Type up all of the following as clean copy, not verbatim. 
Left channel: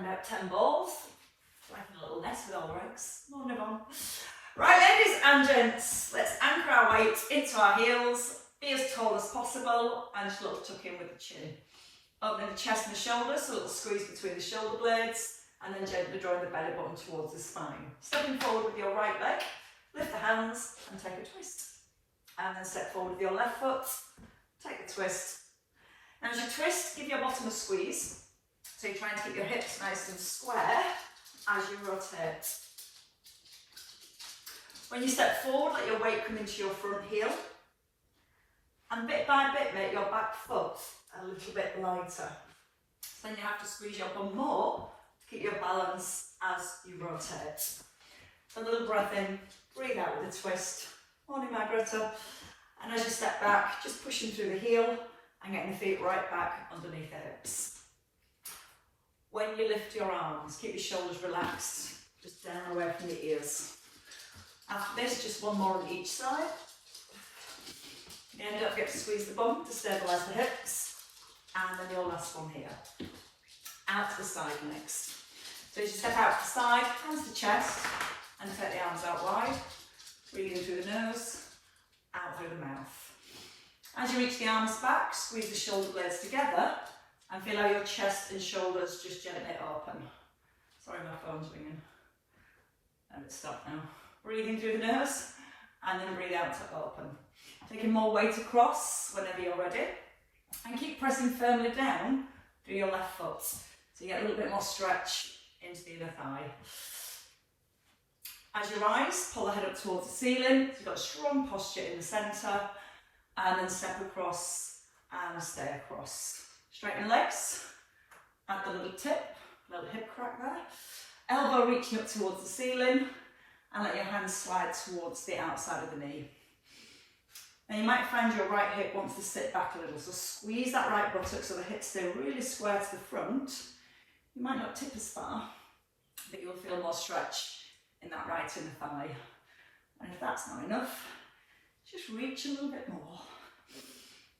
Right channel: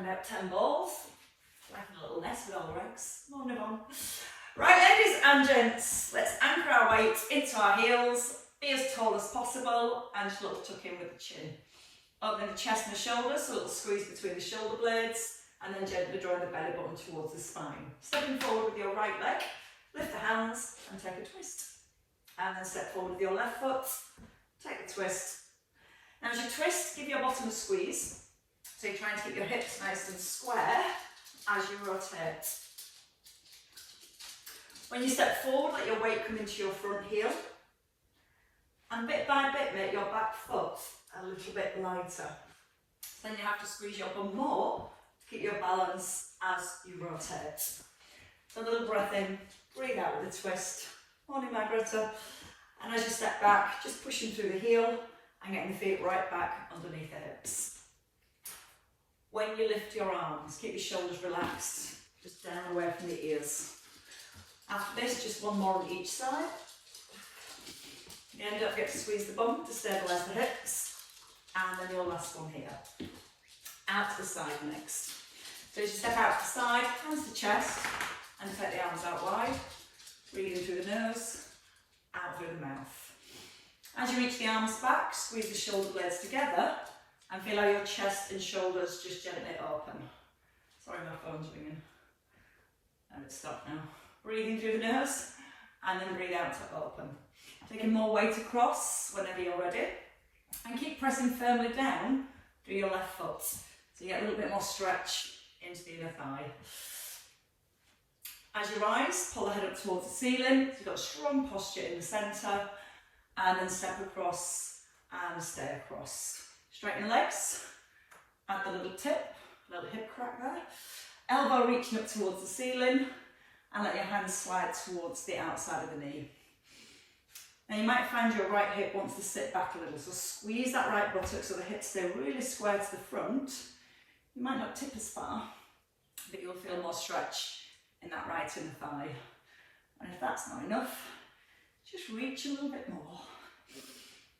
and about 10 balls. Like a little nest with our eggs. Morning on. Right, ladies and gents, let's anchor our weight into our heels, be as tall as possible, and just a little tuck in with the chin. Opening the chest and the shoulders, so a little squeeze between the shoulder blades, and then gently drawing the belly button towards the spine. Stepping forward with your right leg, lift the hands and take a twist. And then step forward with your left foot, take the twist. Now as you twist, give your bottom a squeeze. So you're trying to keep your hips nice and square as you rotate. When you step forward, let your weight come into your front heel. And bit by bit, make your back foot a little bit lighter. So then you have to squeeze your bum more to keep your balance as you rotate. So a little breath in, breathe out with a twist. Morning, Margareta. And as you step back, just pushing through the heel and getting the feet right back underneath the hips. When you lift your arms, keep your shoulders relaxed, just down away from the ears. After this, just one more on each side. Again, don't forget to squeeze the bum to stabilise the hips. And then your last one here. Out to the side next. So as you step out to the side, hands to chest, and take the arms out wide. Breathe in through the nose, out through the mouth. As you reach the arms back, squeeze the shoulder blades together and feel how your chest and shoulders just gently open. Sorry, my phone's ringing. And it's stopped now. Breathing through the nose and then breathe out to open. Taking more weight across whenever you're ready. And keep pressing firmly down through your left foot. So you get a little bit more stretch into the inner thigh. As you rise, pull the head up towards the ceiling. So you've got a strong posture in the centre. And then step across and stay across. Straighten the legs. At the little tip, little hip crack there. Elbow reaching up towards the ceiling. And let your hands slide towards the outside of the knee. Now you might find your right hip wants to sit back a little, so squeeze that right buttock so the hips stay really square to the front. You might not tip as far, but you'll feel more stretch in that right inner thigh. And if that's not enough, just reach a little bit more.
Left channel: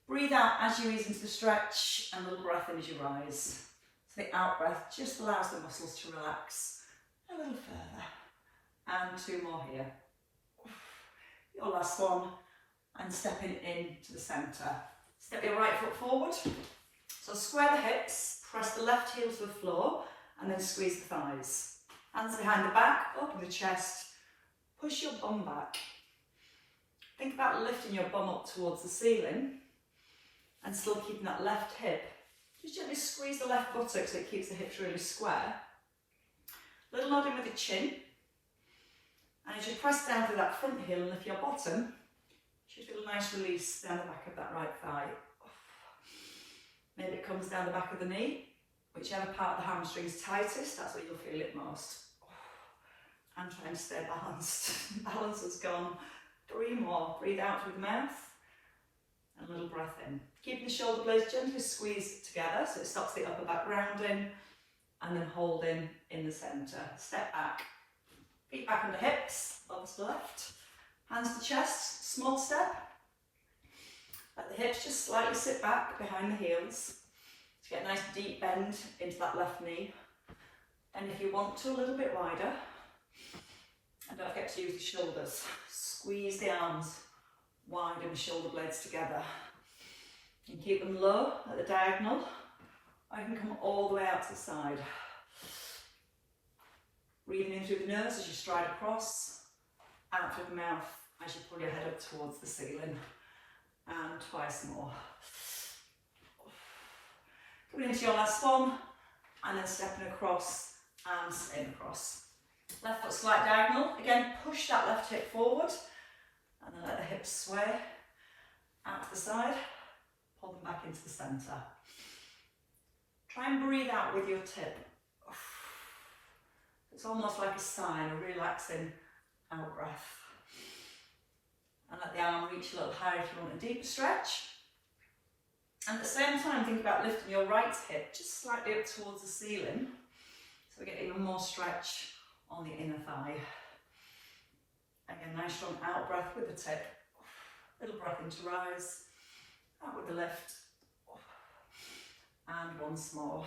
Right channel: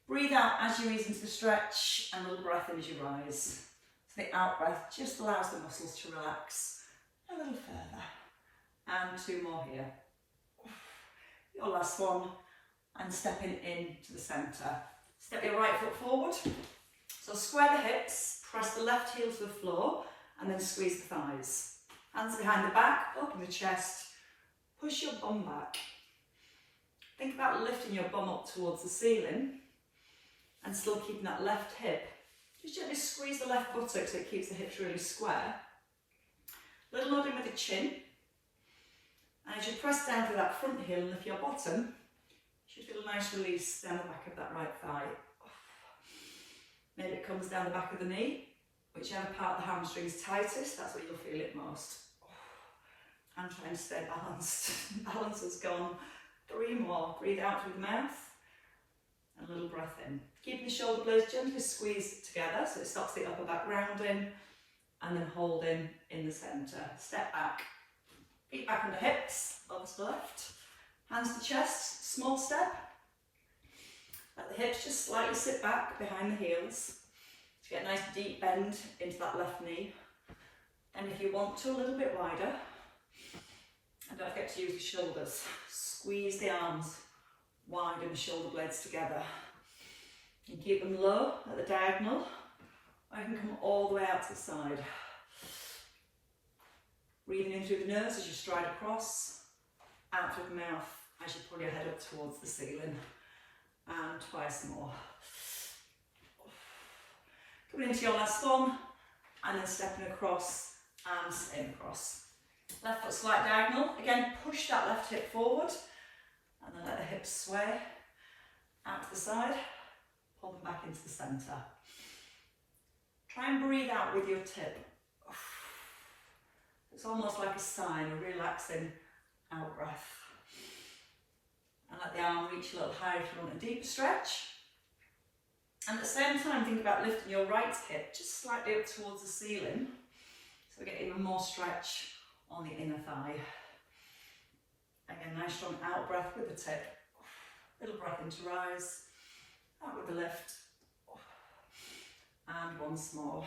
Breathe out as you ease into the stretch and a little breath in as you rise. So the out breath just allows the muscles to relax a little further. And two more here. Your last one. And stepping into the centre. Step your right foot forward. So square the hips, press the left heel to the floor, and then squeeze the thighs. Hands behind the back, open the chest, push your bum back. Think about lifting your bum up towards the ceiling, and still keeping that left hip. Just gently squeeze the left buttock so it keeps the hips really square. Little nod in with the chin. And as you press down through that front heel and lift your bottom, you should feel a nice release down the back of that right thigh. Maybe it comes down the back of the knee. Whichever part of the hamstring is tightest, that's where you'll feel it most. And try and stay balanced. Balance has gone. 3 more. Breathe out through the mouth. And a little breath in. Keeping the shoulder blades gently squeezed together so it stops the upper back rounding. And then holding in the centre. Step back. Feet back under hips. Thumbs to left. Hands to chest, small step. Let the hips just slightly sit back behind the heels to get a nice deep bend into that left knee. And if you want to, a little bit wider. And don't forget to use the shoulders. Squeeze the arms wide and the shoulder blades together. And keep them low at the diagonal. Or you can come all the way out to the side. Breathing in through the nose as you stride across. Out through the mouth as you pull your head up towards the ceiling. And twice more. Coming into your last one, and then stepping across and staying across. Left foot slight diagonal. Again, push that left hip forward, and then let the hips sway. Out to the side, pull them back into the centre. Try and breathe out with your tip. It's almost like a sign, a relaxing out breath. And let the arm reach a little higher if you want a deeper stretch. And at the same time, think about lifting your right hip just slightly up towards the ceiling. So we get even more stretch on the inner thigh. Again, nice strong out breath with the tip. Little breath in to rise. Out with the lift. And once more.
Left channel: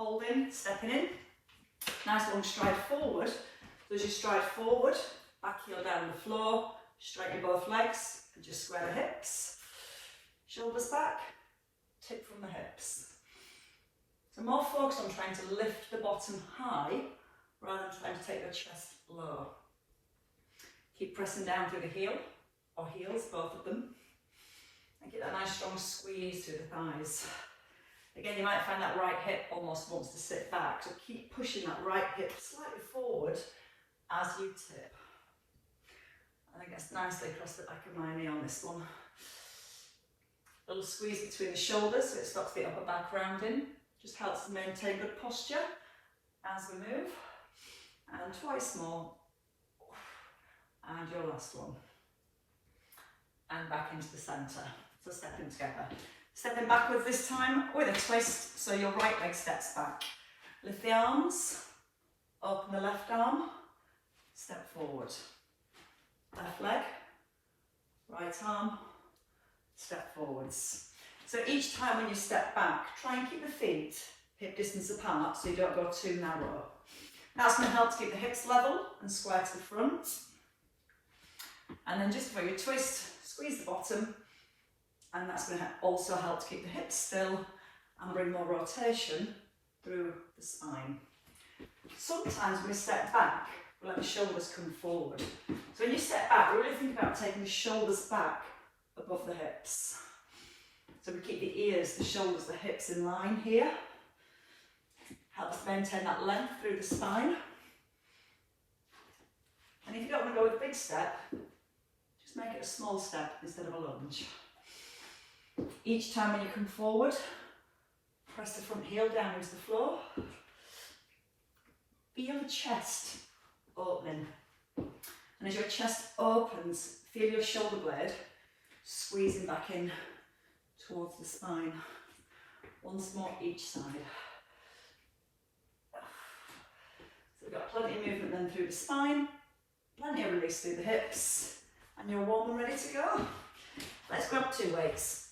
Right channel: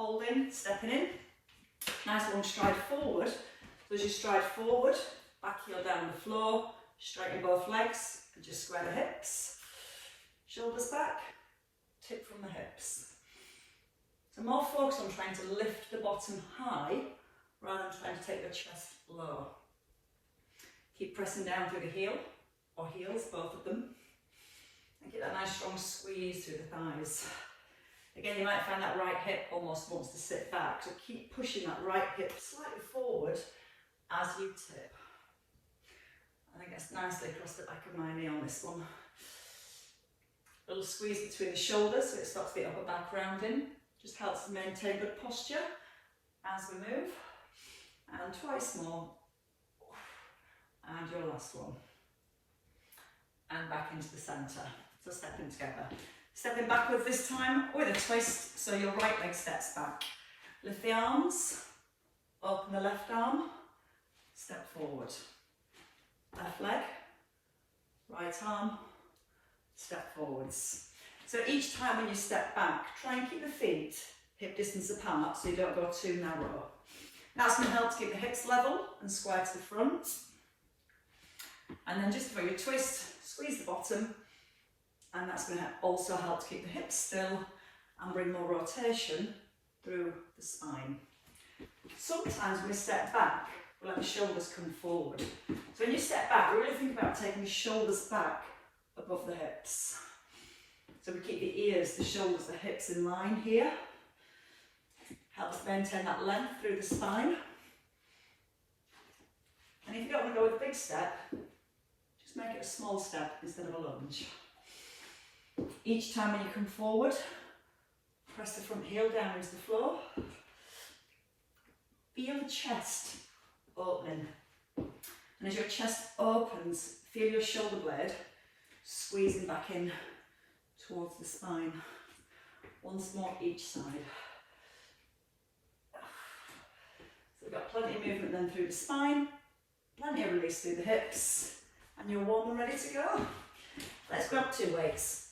holding, stepping in. Nice long stride forward. So as you stride forward, back heel down the floor, straighten both legs and just square the hips. Shoulders back, tip from the hips. So more focus on trying to lift the bottom high rather than trying to take the chest low. Keep pressing down through the heel, or heels, both of them. And get that nice strong squeeze through the thighs. Again, you might find that right hip almost wants to sit back, so keep pushing that right hip slightly forward as you tip. I think that's nicely across the back of my knee on this one. A little squeeze between the shoulders so it stops the upper back rounding. Just helps to maintain good posture as we move. And twice more. And your last one. And back into the centre. So stepping together. Stepping backwards this time with a twist, so your right leg steps back. Lift the arms, open the left arm, step forward. Left leg, right arm, step forwards. So each time when you step back, try and keep the feet hip distance apart so you don't go too narrow. That's going to help to keep the hips level and square to the front. And then just before you twist, squeeze the bottom, and that's going to also help to keep the hips still and bring more rotation through the spine. Sometimes when we step back, we let the shoulders come forward. So when you step back, really think about taking the shoulders back above the hips. So we keep the ears, the shoulders, the hips in line here. Helps maintain that length through the spine. And if you don't want to go with a big step, just make it a small step instead of a lunge. Each time when you come forward, press the front heel down into the floor. Feel the chest opening. And as your chest opens, feel your shoulder blade squeezing back in towards the spine. Once more each side. So we've got plenty of movement then through the spine, plenty of release through the hips, and you're warm and ready to go. Let's grab two weights.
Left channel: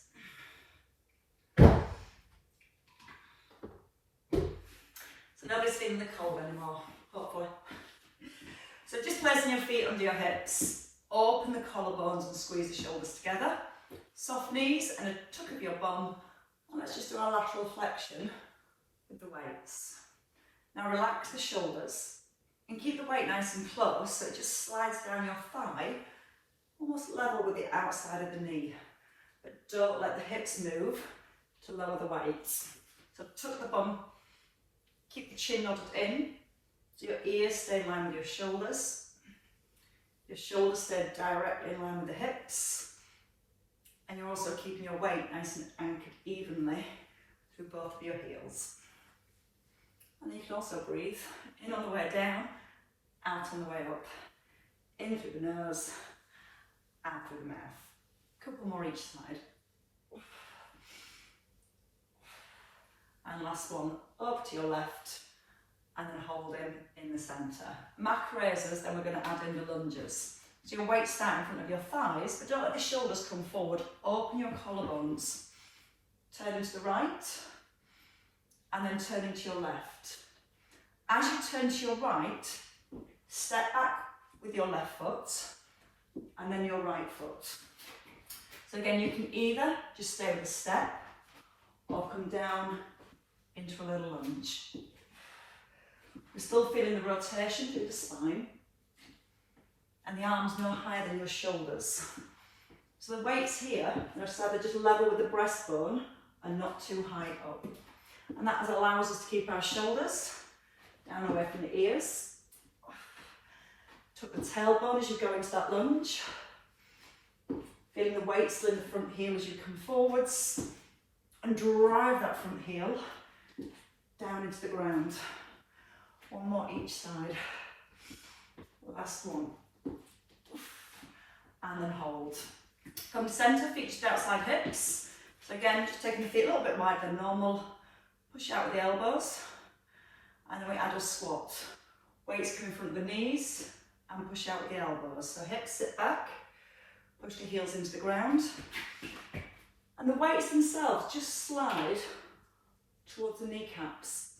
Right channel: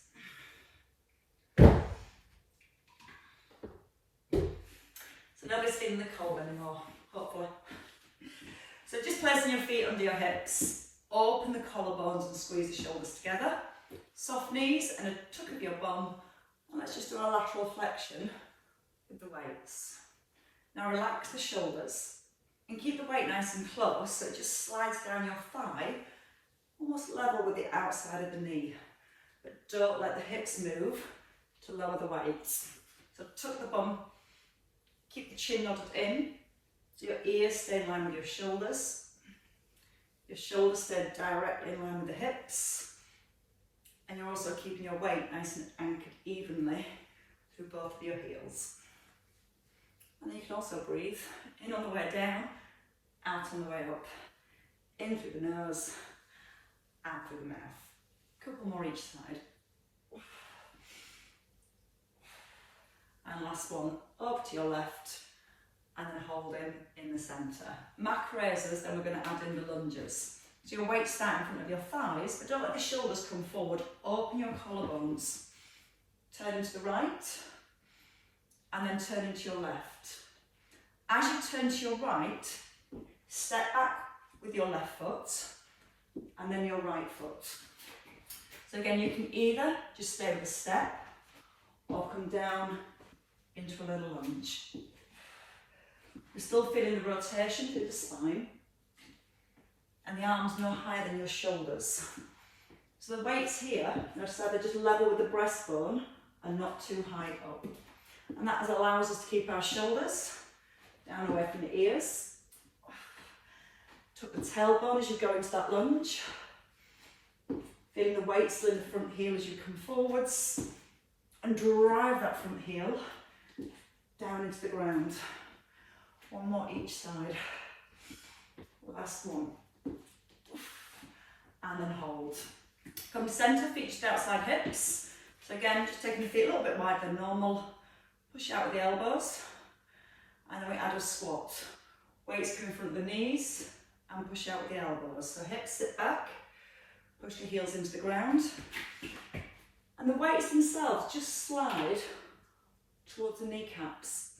So nobody's feeling the cold anymore, hopefully. So just placing your feet under your hips, open the collarbones and squeeze the shoulders together. Soft knees and a tuck of your bum. And let's just do a lateral flexion with the weights. Now relax the shoulders and keep the weight nice and close so it just slides down your thigh, almost level with the outside of the knee. But don't let the hips move to lower the weights. So tuck the bum, keep the chin nodded in, so your ears stay in line with your shoulders. Your shoulders stay directly in line with the hips. And you're also keeping your weight nice and anchored evenly through both of your heels. And then you can also breathe in on the way down, out on the way up. In through the nose, out through the mouth. A couple more each side. And last one, up to your left, and then hold in the centre. Mat raisers, then we're going to add in the lunges. So your weight start in front of your thighs, but don't let the shoulders come forward. Open your collarbones. Turn into the right, and then turn into your left. As you turn to your right, step back with your left foot, and then your right foot. So again, you can either just stay with a step, or come down into a little lunge. We're still feeling the rotation through the spine, and the arms no higher than your shoulders. So the weights here, they're so they're just level with the breastbone and not too high up. And that allows us to keep our shoulders down away from the ears. Tuck the tailbone as you go into that lunge. Feeling the weight still in the front heel as you come forwards. And drive that front heel down into the ground. One more each side. Last one. And then hold. Come to centre, feet just outside hips. So again, just taking the feet a little bit wider than normal. Push out with the elbows. And then we add a squat. Weights come in front of the knees and push out with the elbows. So hips sit back, push the heels into the ground. And the weights themselves just slide towards the kneecaps.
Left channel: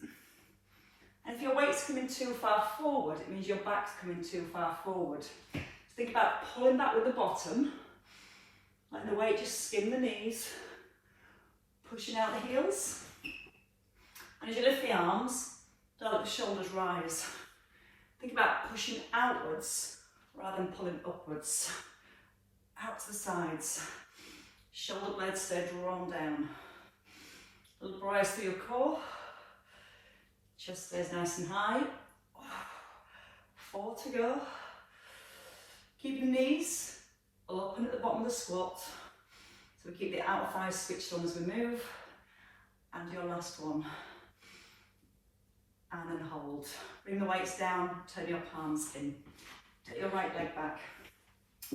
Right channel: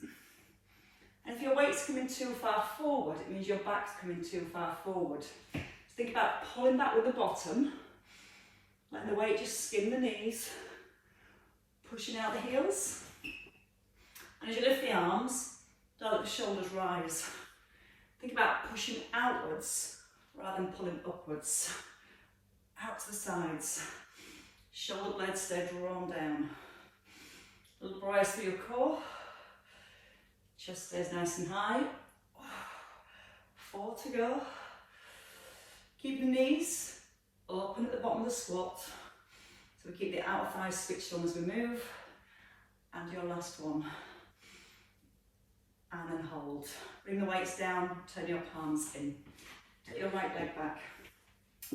if your weight's coming too far forward, it means your back's coming too far forward. So think about pulling back with the bottom, letting the weight just skim the knees, pushing out the heels. And as you lift the arms, don't let the shoulders rise. Think about pushing outwards rather than pulling upwards. Out to the sides. Shoulder blades stay drawn down. A little rise through your core. Chest stays nice and high. 4 to go. Keep the knees open at the bottom of the squat. So we keep the outer thighs switched on as we move. And your last one. And then hold. Bring the weights down, turn your palms in. Take your right leg back.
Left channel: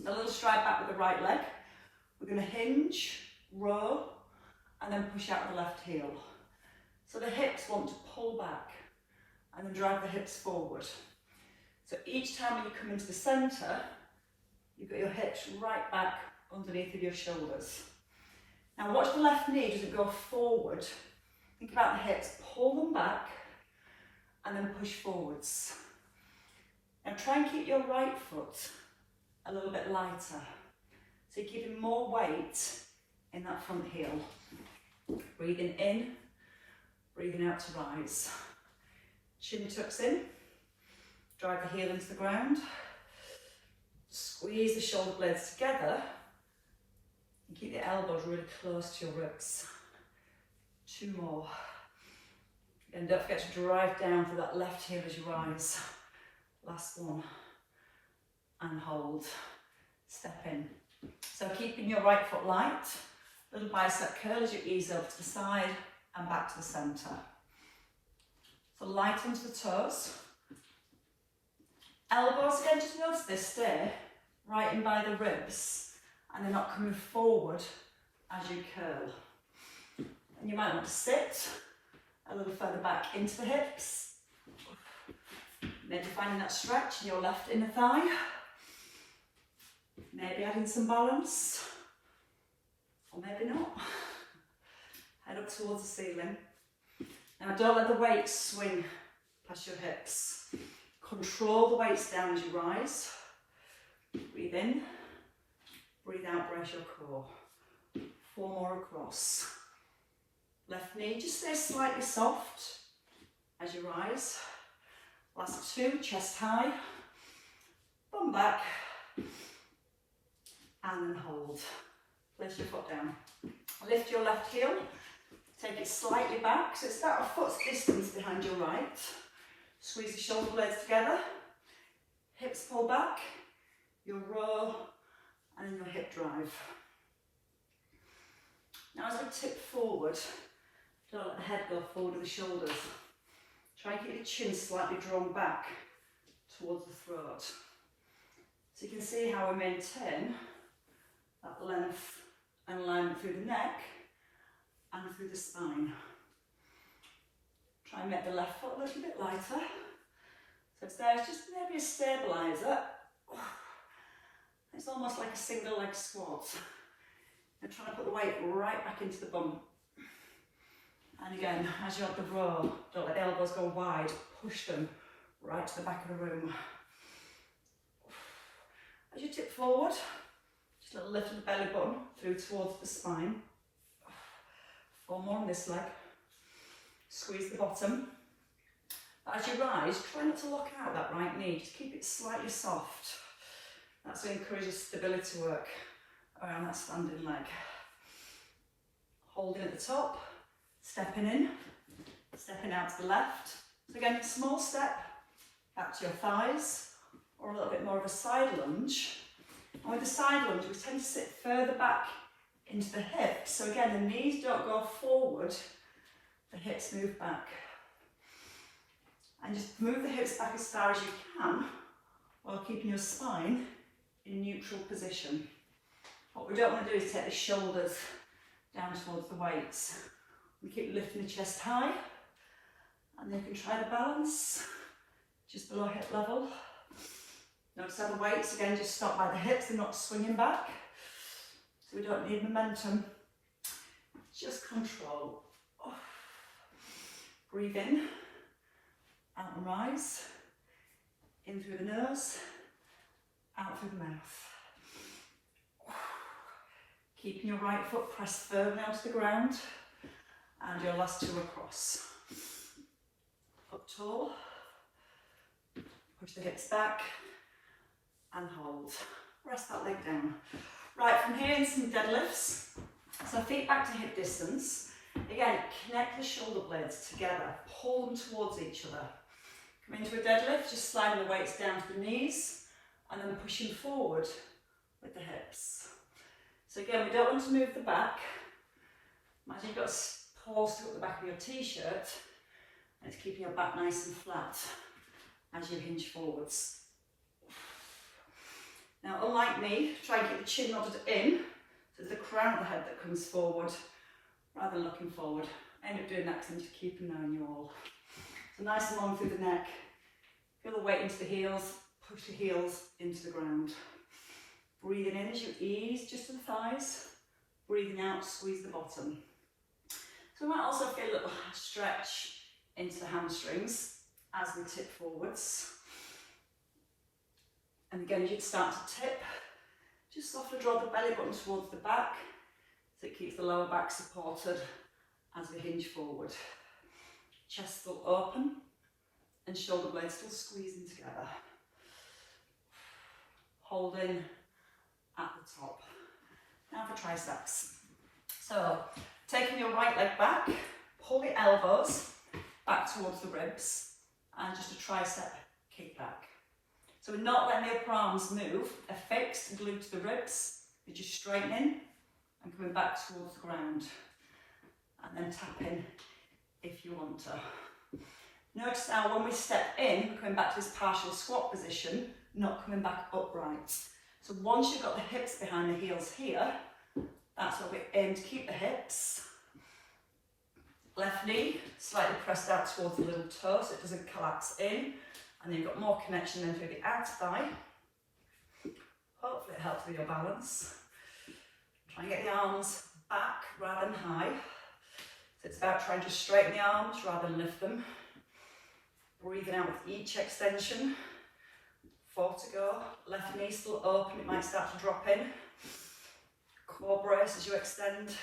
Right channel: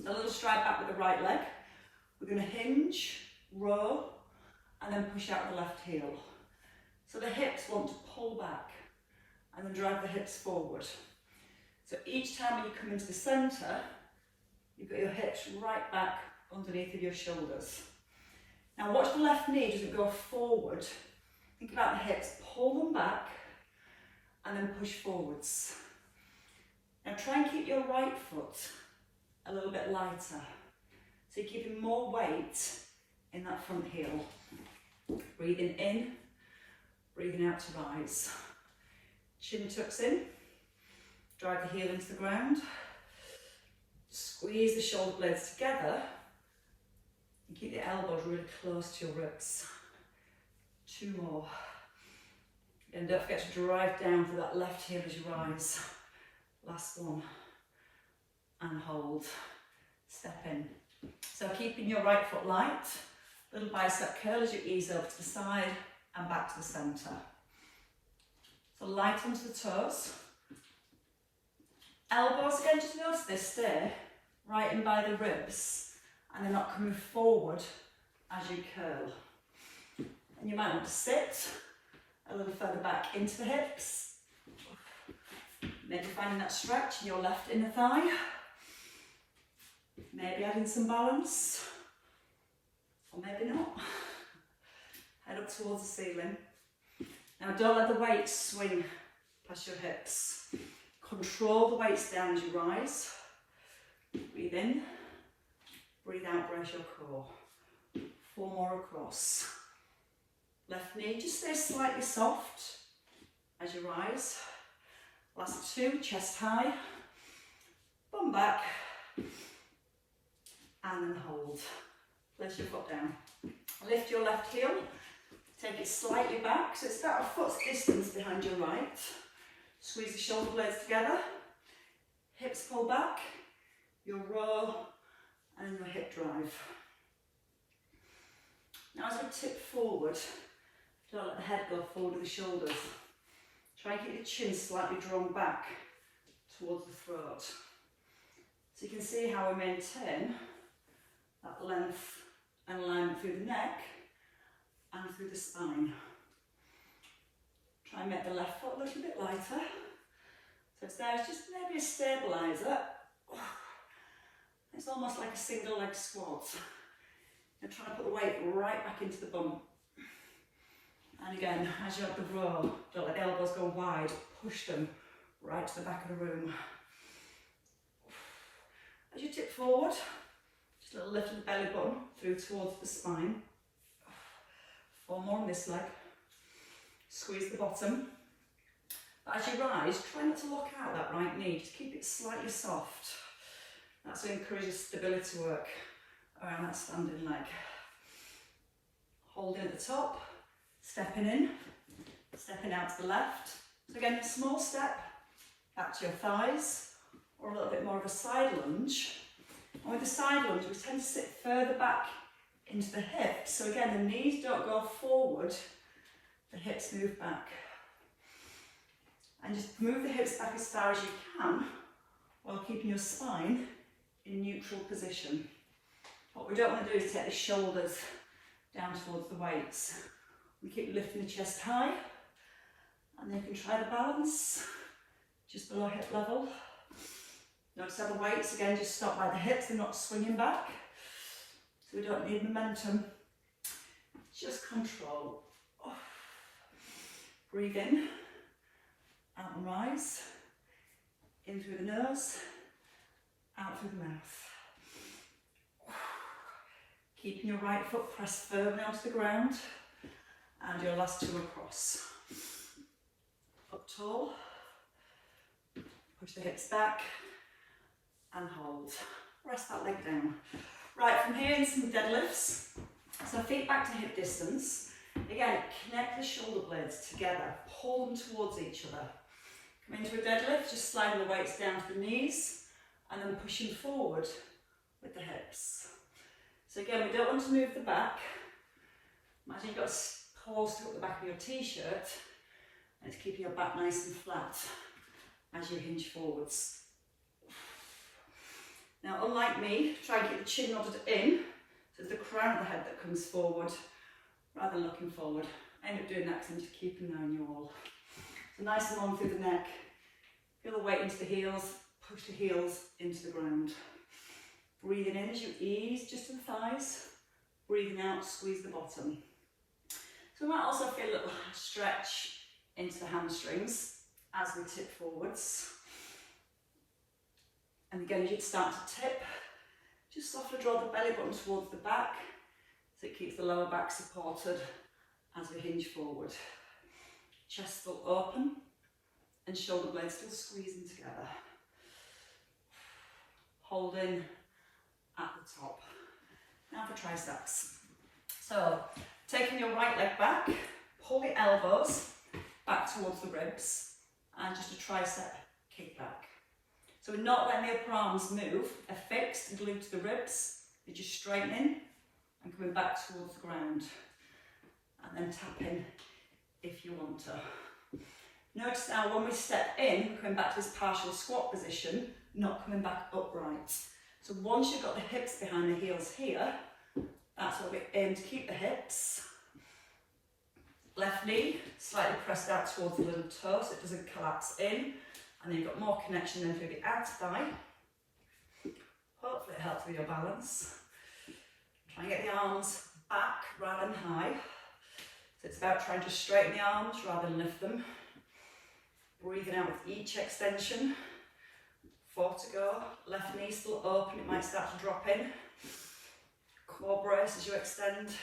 A little stride back with the right leg. We're going to hinge, row, and then push out the left heel. So the hips want to pull back and then drive the hips forward. So each time when you come into the centre, you've got your hips right back underneath of your shoulders. Now watch the left knee doesn't go forward. Think about the hips, pull them back and then push forwards. Now try and keep your right foot a little bit lighter. So you're keeping more weight in that front heel. Breathing in, breathing out to rise. Chin tucks in, drive the heel into the ground. Squeeze the shoulder blades together and keep the elbows really close to your ribs. 2 more. And don't forget to drive down through that left heel as you rise. Last one. And hold. Step in. So keeping your right foot light. Little bicep curl as you ease over to the side and back to the centre. So light onto the toes. Elbows again, just notice they stay right in by the ribs and they're not coming forward as you curl. And you might want to sit a little further back into the hips. Maybe finding that stretch in your left inner thigh. Maybe adding some balance. Or maybe not. Head up towards the ceiling. Now don't let the weight swing past your hips. Control the weights down as you rise. Breathe in. Breathe out, brace your core. 4 more across. Left knee just stays slightly soft as you rise. Last 2, chest high. Bum back. And then hold. Place your foot down. Lift your left heel. Take it slightly back, so it's about a foot's distance behind your right. Squeeze the shoulder blades together. Hips pull back. Your roll and your hip drive. Now as we tip forward, don't let the head go forward of the shoulders. Try and keep the chin slightly drawn back towards the throat. So you can see how we maintain that length and alignment through the neck and through the spine. Try and make the left foot a little bit lighter. So it's there, it's just maybe a stabiliser. It's almost like a single leg squat. And try to put the weight right back into the bum. And again, as you have the row, don't let the elbows go wide, push them right to the back of the room. As you tip forward, just a little lift of the belly button through towards the spine. 4 more on this leg. Squeeze the bottom. But as you rise, try not to lock out that right knee, just keep it slightly soft. That's what encourages stability work around that standing leg. Holding at the top, stepping in, stepping out to the left. So again, a small step back to your thighs, or a little bit more of a side lunge. And with the side lunge, we tend to sit further back into the hips. So again, the knees don't go forward, the hips move back. And just move the hips back as far as you can, while keeping your spine in neutral position. What we don't want to do is take the shoulders down towards the weights. We keep lifting the chest high, and then you can try the balance just below hip level. Notice how the weights again just stop by the hips, they're not swinging back, so we don't need momentum, just control. Breathe in and and rise. In through the nose, out through the mouth. Keeping your right foot pressed firmly onto the ground, and your last two across. Up tall, push the hips back, and hold. Rest that leg down. Right, from here in some deadlifts. So feet back to hip distance. Again, connect the shoulder blades together, pull them towards each other. Come into a deadlift, just sliding the weights down to the knees, and then pushing forward with the hips. So again, we don't want to move the back. Imagine you've got paws to up the back of your t-shirt, and it's keeping your back nice and flat as you hinge forwards. Now, unlike me, try and keep the chin nodded in, so it's the crown of the head that comes forward, rather than looking forward. I end up doing that because I'm just keeping an eye on you all. So nice and long through the neck. Feel the weight into the heels, push the heels into the ground. Breathing in as you ease just to the thighs. Breathing out, squeeze the bottom. So we might also feel a little stretch into the hamstrings as we tip forwards. And again, as you start to tip, just softly draw the belly button towards the back so it keeps the lower back supported as we hinge forward. Chest still open and shoulder blades still squeezing together. Holding at the top. Now for triceps. So, taking your right leg back, pull the elbows back towards the ribs, and just a tricep kick back. So we're not letting the upper arms move, they're fixed, glued to the ribs, you're just straightening and coming back towards the ground. And then tapping if you want to. Notice now when we step in, we're coming back to this partial squat position, not coming back upright. So once you've got the hips behind the heels here, that's where we aim to keep the hips. Left knee slightly pressed out towards the little toe so it doesn't collapse in. And then you've got more connection then through the outer thigh. Hopefully it helps with your balance. Try and get the arms back rather than high. So it's about trying to straighten the arms rather than lift them. Breathing out with each extension. 4 to go. Left knee still open, it might start to drop in. Quad brace as you extend.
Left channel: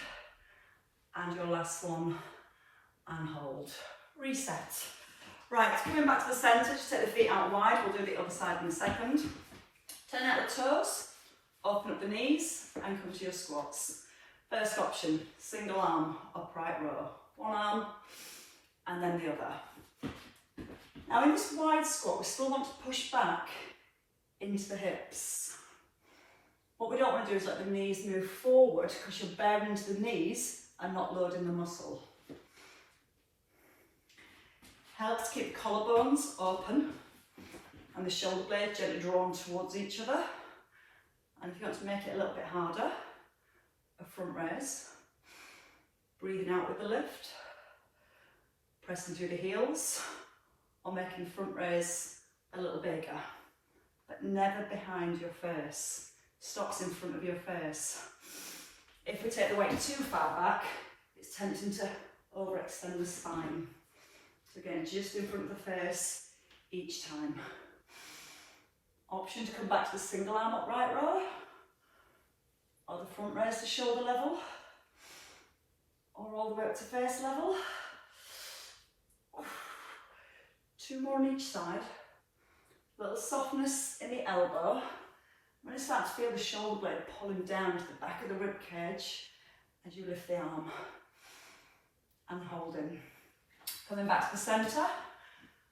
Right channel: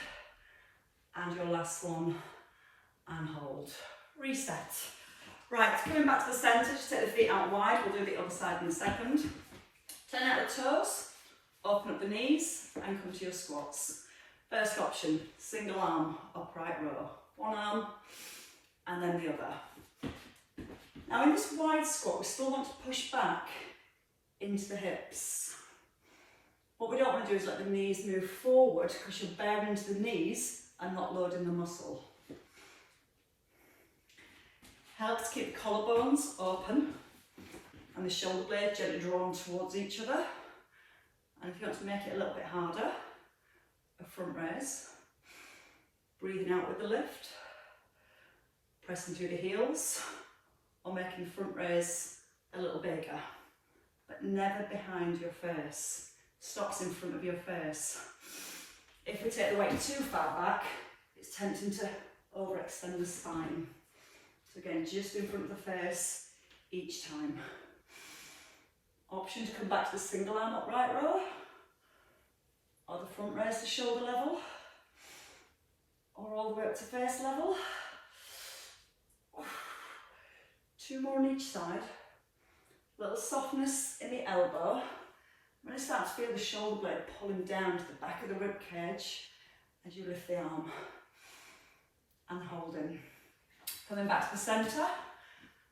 And your last one. And hold. Reset. Right, coming back to the centre, just take the feet out wide. We'll do the other side in a second. Turn out the toes, open up the knees, and come to your squats. First option, single arm, upright row. One arm, and then the other. Now in this wide squat, we still want to push back into the hips. What we don't want to do is let the knees move forward because you're bearing into the knees and not loading the muscle. Helps keep the collarbones open and the shoulder blades gently drawn towards each other. And if you want to make it a little bit harder, a front raise. Breathing out with the lift. Pressing through the heels or making the front raise a little bigger. But never behind your face. Stops in front of your face. If we take the weight too far back, it's tempting to overextend the spine. So again, just in front of the face each time. Option to come back to the single arm upright row, or the front raise to shoulder level, or all the way up to face level. 2 more on each side. A little softness in the elbow. When I start to feel the shoulder blade pulling down to the back of the rib cage as you lift the arm and holding. Coming back to the centre,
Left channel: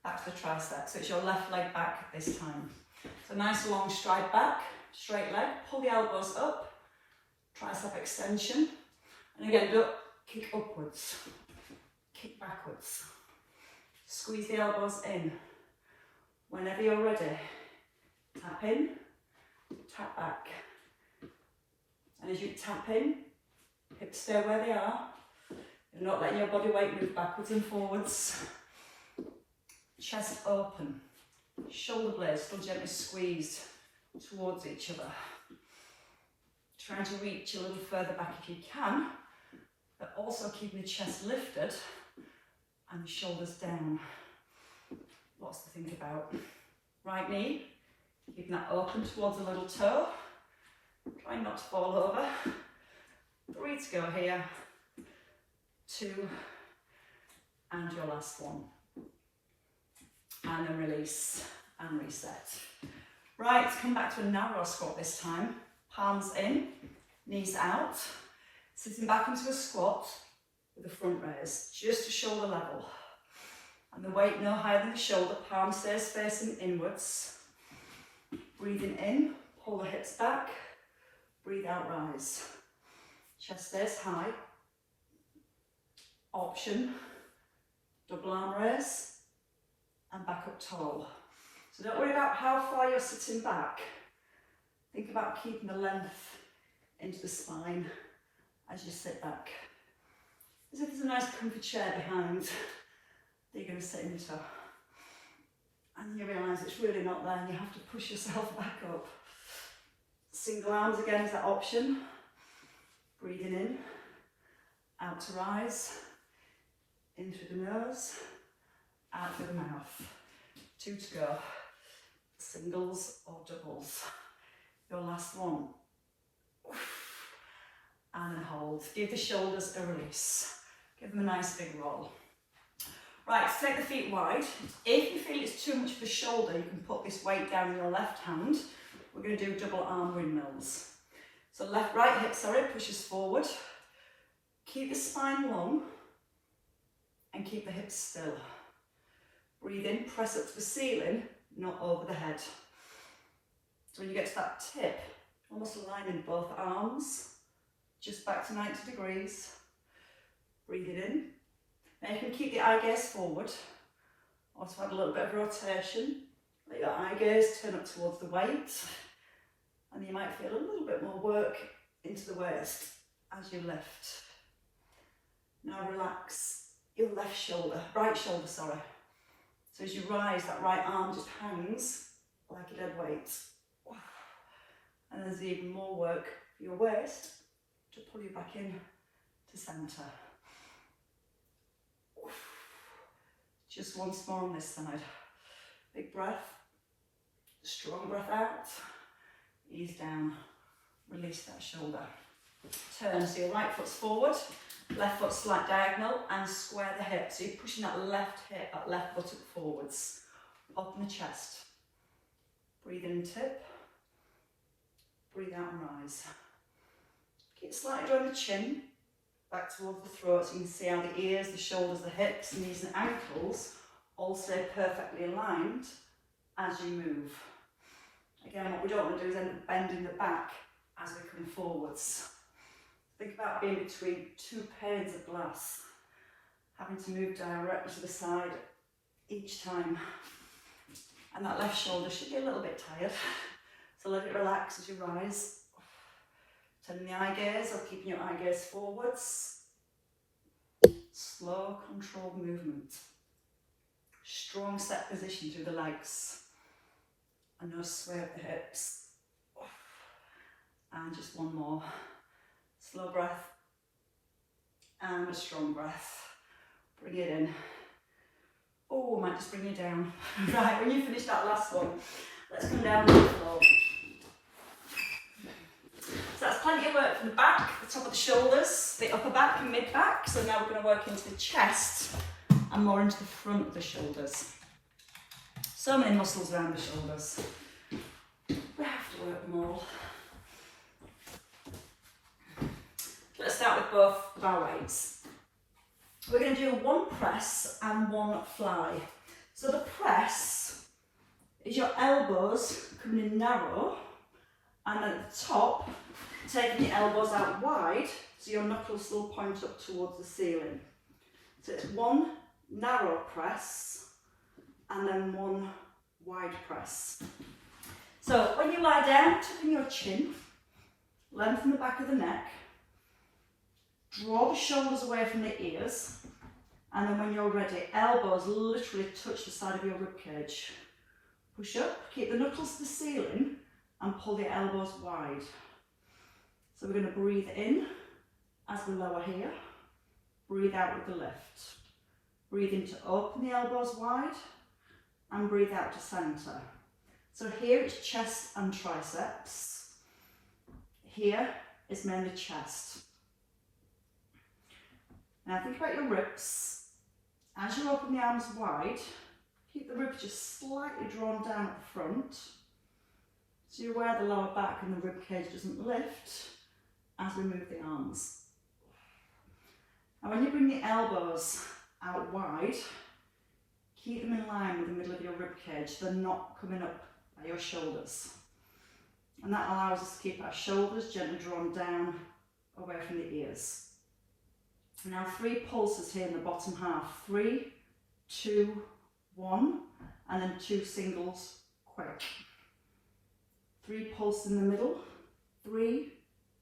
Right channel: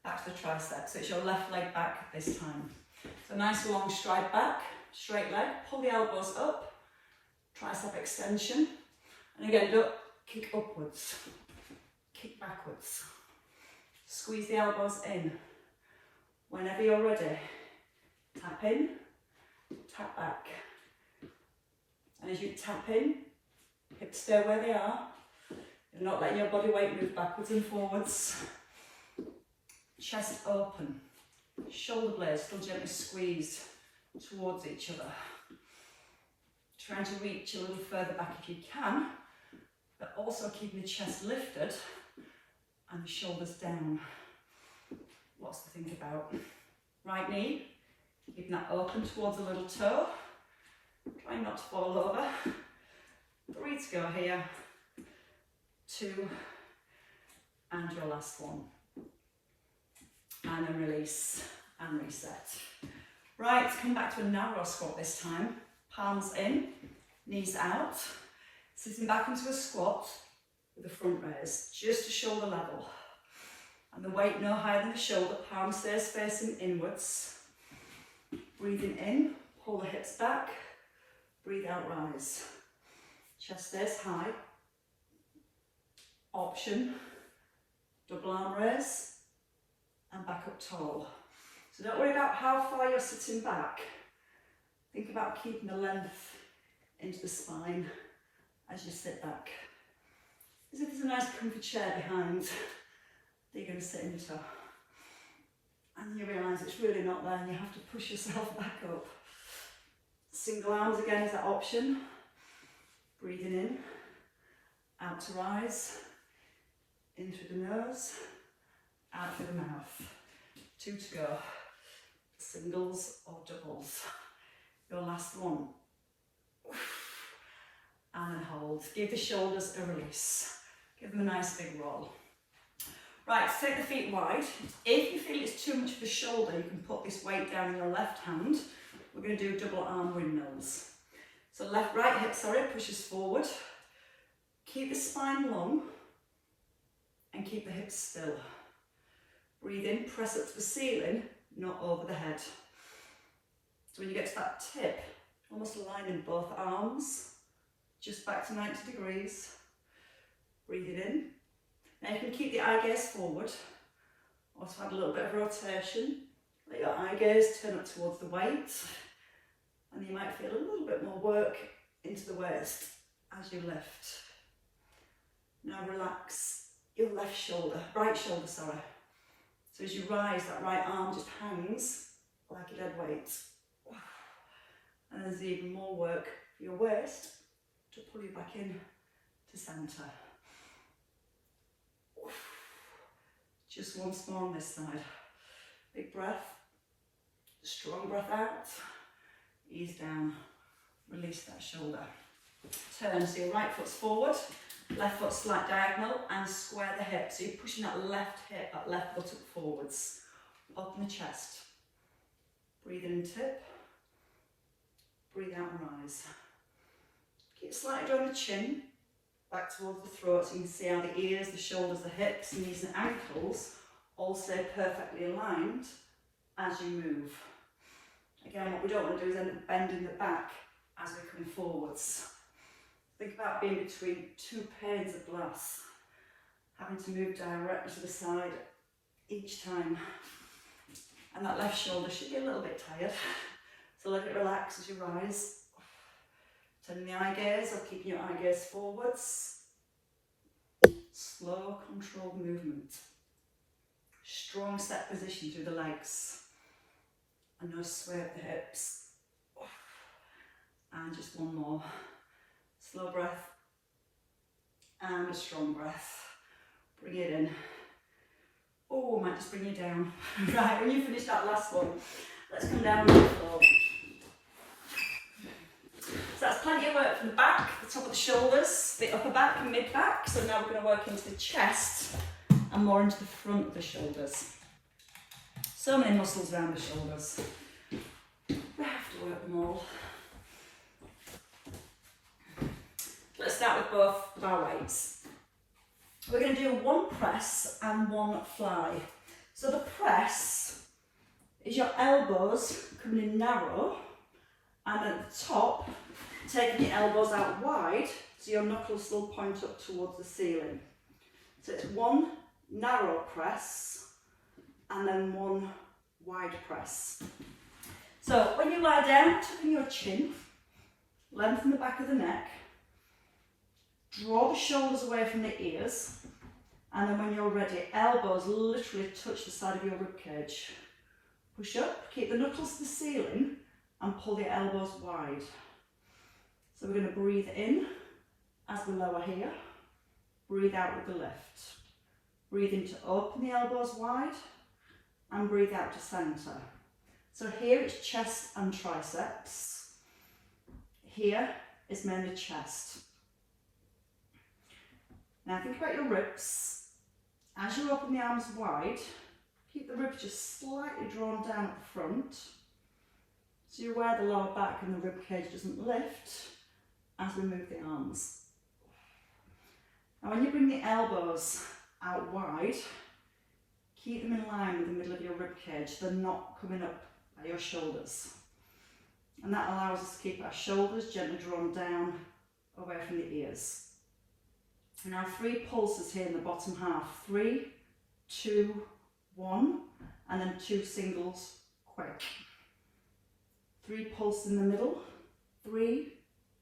back to the tricep. So it's your left leg back this time. So nice long stride back, straight leg, pull the elbows up, tricep extension. And again, don't kick upwards, kick backwards. Squeeze the elbows in. Whenever you're ready, tap in, tap back. And as you tap in, hips stay where they are. You're not letting your body weight move backwards and forwards. Chest open. Shoulder blades still gently squeezed towards each other. Trying to reach a little further back if you can, but also keeping the chest lifted and the shoulders down. lots to think about. Right knee, keeping that open towards the little toe. Try not to fall over. 3 to go here. 2, and your last one. And then release and reset. Right, come back to a narrow squat this time. Palms in, knees out. Sitting back into a squat with the front raise, just to shoulder level. And the weight no higher than the shoulder, palm stays facing inwards. Breathing in, pull the hips back. Breathe out, rise. Chest stays high. Option, double arm raise and back up tall. So don't worry about how far you're sitting back. Think about keeping the length into the spine as you sit back. As if there's a nice comfy chair behind that you're going to sit into. And you realise it's really not there and you have to push yourself back up. Single arms again is that option. Breathing in, out to rise, in through the nose, out through the mouth. 2 to go. Singles or doubles. Your last one. And then hold. Give the shoulders a release. Give them a nice big roll. Right, take the feet wide. If you feel it's too much for the shoulder, you can put this weight down in your left hand. We're going to do double arm windmills. So right hip, pushes forward. Keep the spine long and keep the hips still. Breathe in, press up to the ceiling, not over the head. So when you get to that tip, almost aligning both arms, just back to 90 degrees. Breathe it in. Now you can keep the eye gaze forward, also add a little bit of rotation. Let your eye gaze turn up towards the weight, and you might feel a little bit more work into the waist as you lift. Now relax your left shoulder, right shoulder, sorry. So as you rise, that right arm just hangs like a dead weight. And there's even more work for your waist to pull you back in to centre. Just once more on this side. Big breath, strong breath out, ease down, release that shoulder. Turn, so your right foot's forward, left foot slight diagonal, and square the hip. So you're pushing that left hip, that left foot up forwards. Open the chest. Breathe in, tip. Breathe out and rise. Keep slightly drawing the chin back towards the throat, so you can see how the ears, the shoulders, the hips, knees and ankles all stay perfectly aligned as you move. Again, what we don't want to do is end up bending the back as we're coming forwards. Think about being between 2 panes of glass, having to move directly to the side each time. And that left shoulder should be a little bit tired, so let it relax as you rise. Turning the eye gaze or keeping your eye gaze forwards. Slow, controlled movement. Strong set position through the legs. And no sway at the hips. And just one more. Slow breath. And a strong breath. Bring it in. Oh, I might just bring you down. Right, when you finish that last one, let's come down to the floor. So that's plenty of work from the back, the top of the shoulders, the upper back and mid back. So now we're going to work into the chest and more into the front of the shoulders. So many muscles around the shoulders. We have to work them all. Let's start with both of our weights. We're going to do 1 press and 1 fly. So the press is your elbows coming in narrow, and at the top, taking your elbows out wide, so your knuckles still point up towards the ceiling. So it's 1 narrow press, and then 1 wide press. So when you lie down, tucking your chin, lengthen the back of the neck, draw the shoulders away from the ears, and then when you're ready, elbows literally touch the side of your ribcage. Push up, keep the knuckles to the ceiling, and pull the elbows wide. So we're going to breathe in as we lower here, breathe out with the lift. Breathe in to open the elbows wide, and breathe out to centre. So here it's chest and triceps. Here is mainly chest. Now think about your ribs. As you open the arms wide, keep the ribs just slightly drawn down at the front, so you're aware the lower back and the rib cage doesn't lift as we move the arms. And when you bring the elbows out wide, keep them in line with the middle of your rib cage. They're not coming up by your shoulders. And that allows us to keep our shoulders gently drawn down away from the ears. Now 3 pulses here in the bottom half. 3, 2, 1, and then 2 singles quick. 3 pulses in the middle. 3,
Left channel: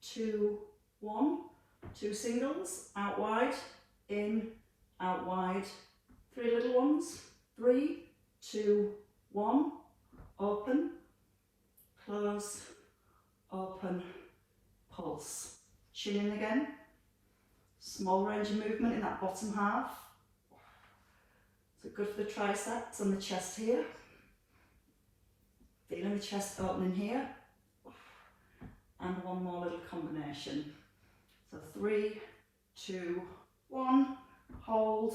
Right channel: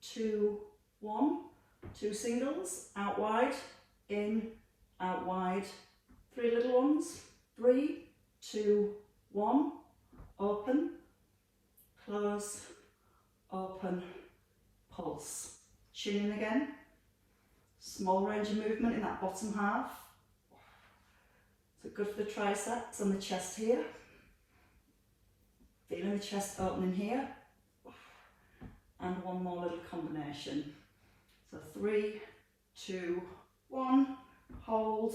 2, 1, 2 singles, out wide, in, out wide. 3 little ones. 3, 2, 1, open, close, open, pulse. Chin in again. Small range of movement in that bottom half. So good for the triceps and the chest here. Feeling the chest opening here. And one more little combination. So 3, 2, 1, hold.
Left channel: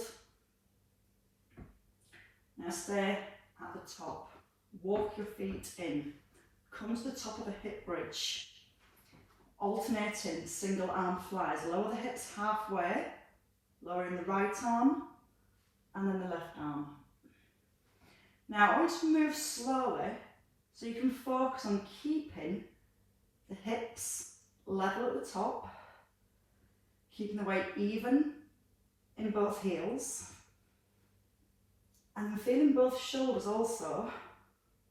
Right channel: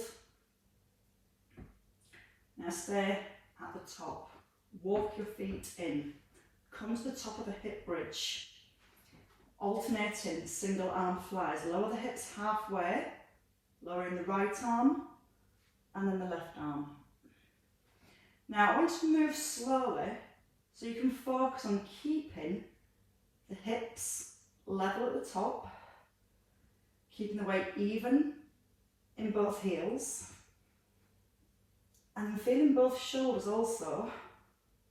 Now stay at the top. Walk your feet in. Come to the top of the hip bridge. Alternating single arm flies. Lower the hips halfway, lowering the right arm and then the left arm. Now I want you to move slowly so you can focus on keeping the hips level at the top, keeping the weight even in both heels, and feeling both shoulders also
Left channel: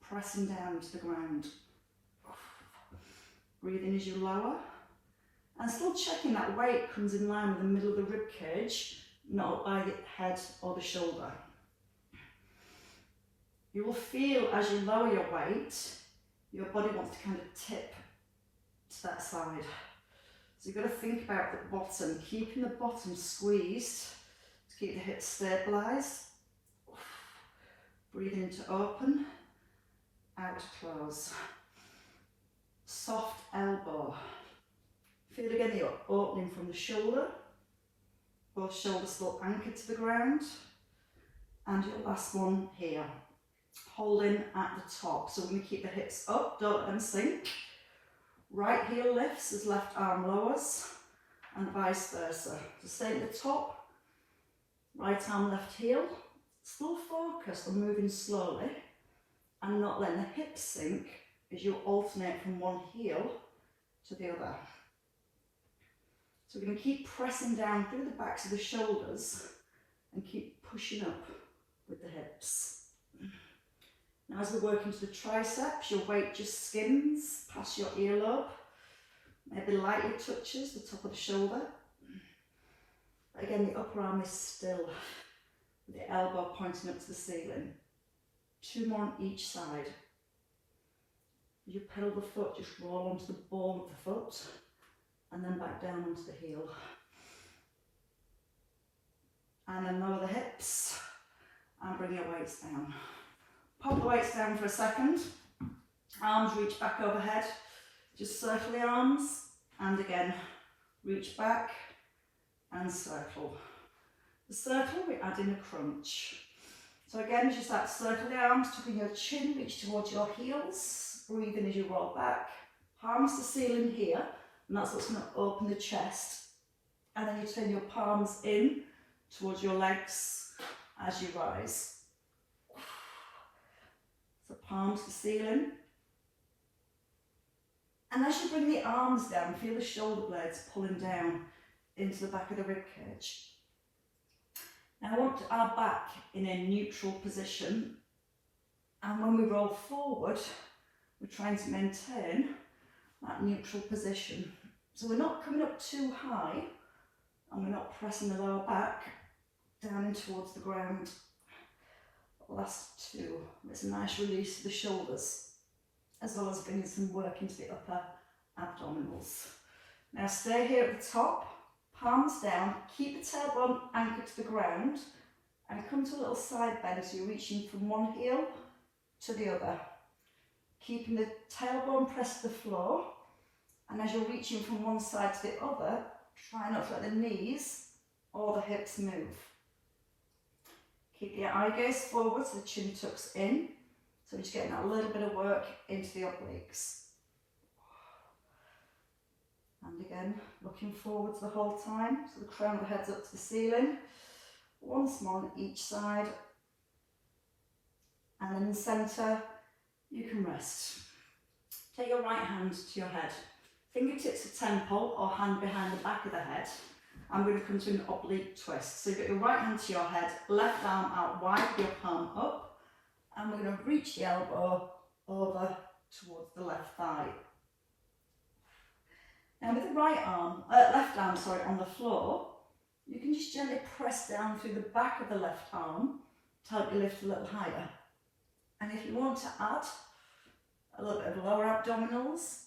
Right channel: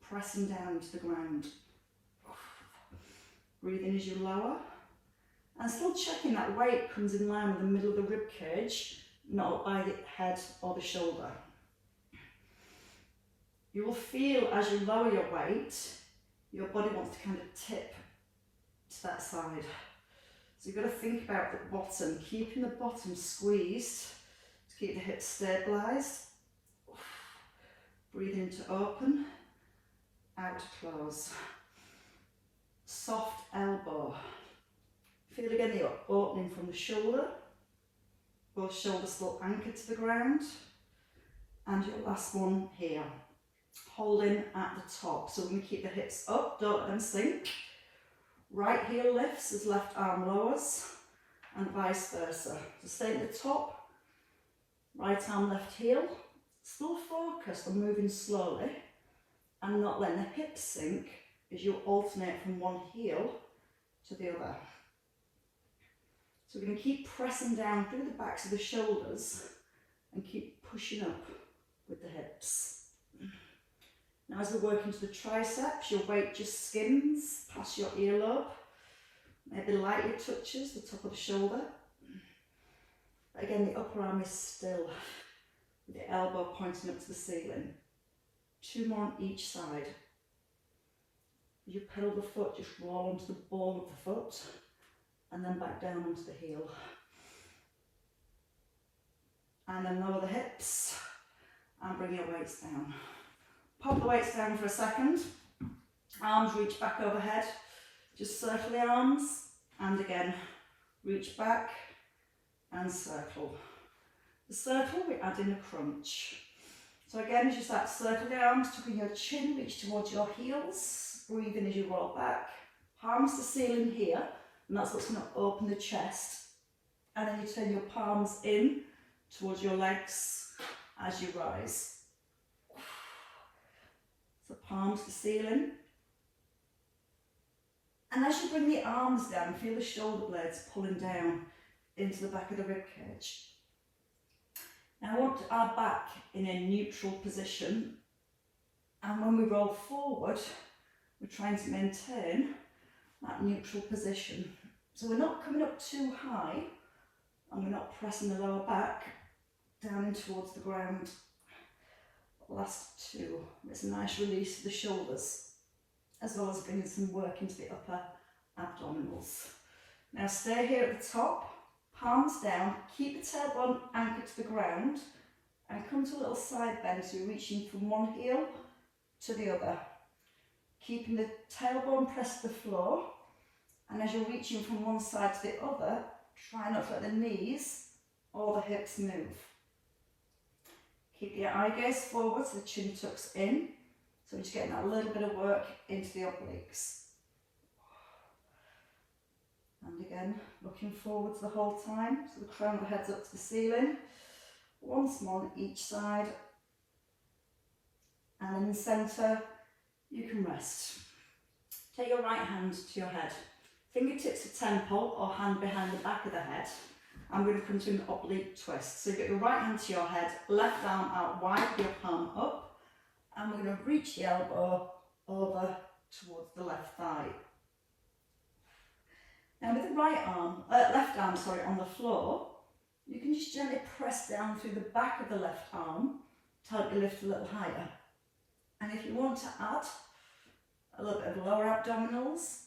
pressing down to the ground. Breathe in as you lower, and still checking that weight comes in line with the middle of the rib cage, not by the head or the shoulder. You will feel as you lower your weight, your body wants to kind of tip to that side. So you've got to think about the bottom, keeping the bottom squeezed to keep the hips stabilised. Breathe in to open, out to close. Soft elbow. Feel again the opening from the shoulder. Both shoulders still anchored to the ground. And your last one here. Holding at the top. So we're going to keep the hips up, don't let them sink. Right heel lifts as left arm lowers, and vice versa. So stay at the top, right arm, left heel. Still focused on moving slowly and not letting the hips sink as you alternate from one heel to the other. So we're going to keep pressing down through the backs of the shoulders and keep pushing up with the hips. Now as we work into the triceps, your weight just skims past your earlobe, maybe lightly touches the top of the shoulder. But again, the upper arm is still, with the elbow pointing up to the ceiling. 2 more on each side. As you pedal the foot, just roll onto the ball of the foot and then back down onto the heel. And then lower the hips and bring your weights down. Pop the weights down for a second. Arms reach back overhead. Just circle the arms and again reach back and circle. The circle, we add in a crunch. So again, just that circle the arms to bring your chin, reach towards your heels. Breathe in as you roll back. Palms to ceiling here, and that's what's going to open the chest. And then you turn your palms in towards your legs as you rise. So palms to ceiling. And as you bring the arms down, feel the shoulder blades pulling down into the back of the rib cage. Now I want our back in a neutral position, and when we roll forward, we're trying to maintain that neutral position. So we're not coming up too high, and we're not pressing the lower back down in towards the ground. Last 2, it's a nice release of the shoulders, as well as bringing some work into the upper abdominals. Now stay here at the top, palms down, keep the tailbone anchored to the ground. and come to a little side bend, so you're reaching from one heel to the other, keeping the tailbone pressed to the floor, and as you're reaching from one side to the other, try not to let the knees or the hips move. Keep your eye gaze forward so the chin tucks in, so we're just getting that little bit of work into the obliques. And again, looking forwards the whole time, so the crown of the head's up to the ceiling. Once more on each side, and in the centre you can rest. Take your right hand to your head, fingertips to temple or hand behind the back of the head. I'm going to come to an oblique twist. So you've got your right hand to your head, left arm out wide, your palm up, and we're going to reach the elbow over towards the left thigh. Now with the left arm on the floor, you can just gently press down through the back of the left arm to help you lift a little higher. And if you want to add a little bit of lower abdominals,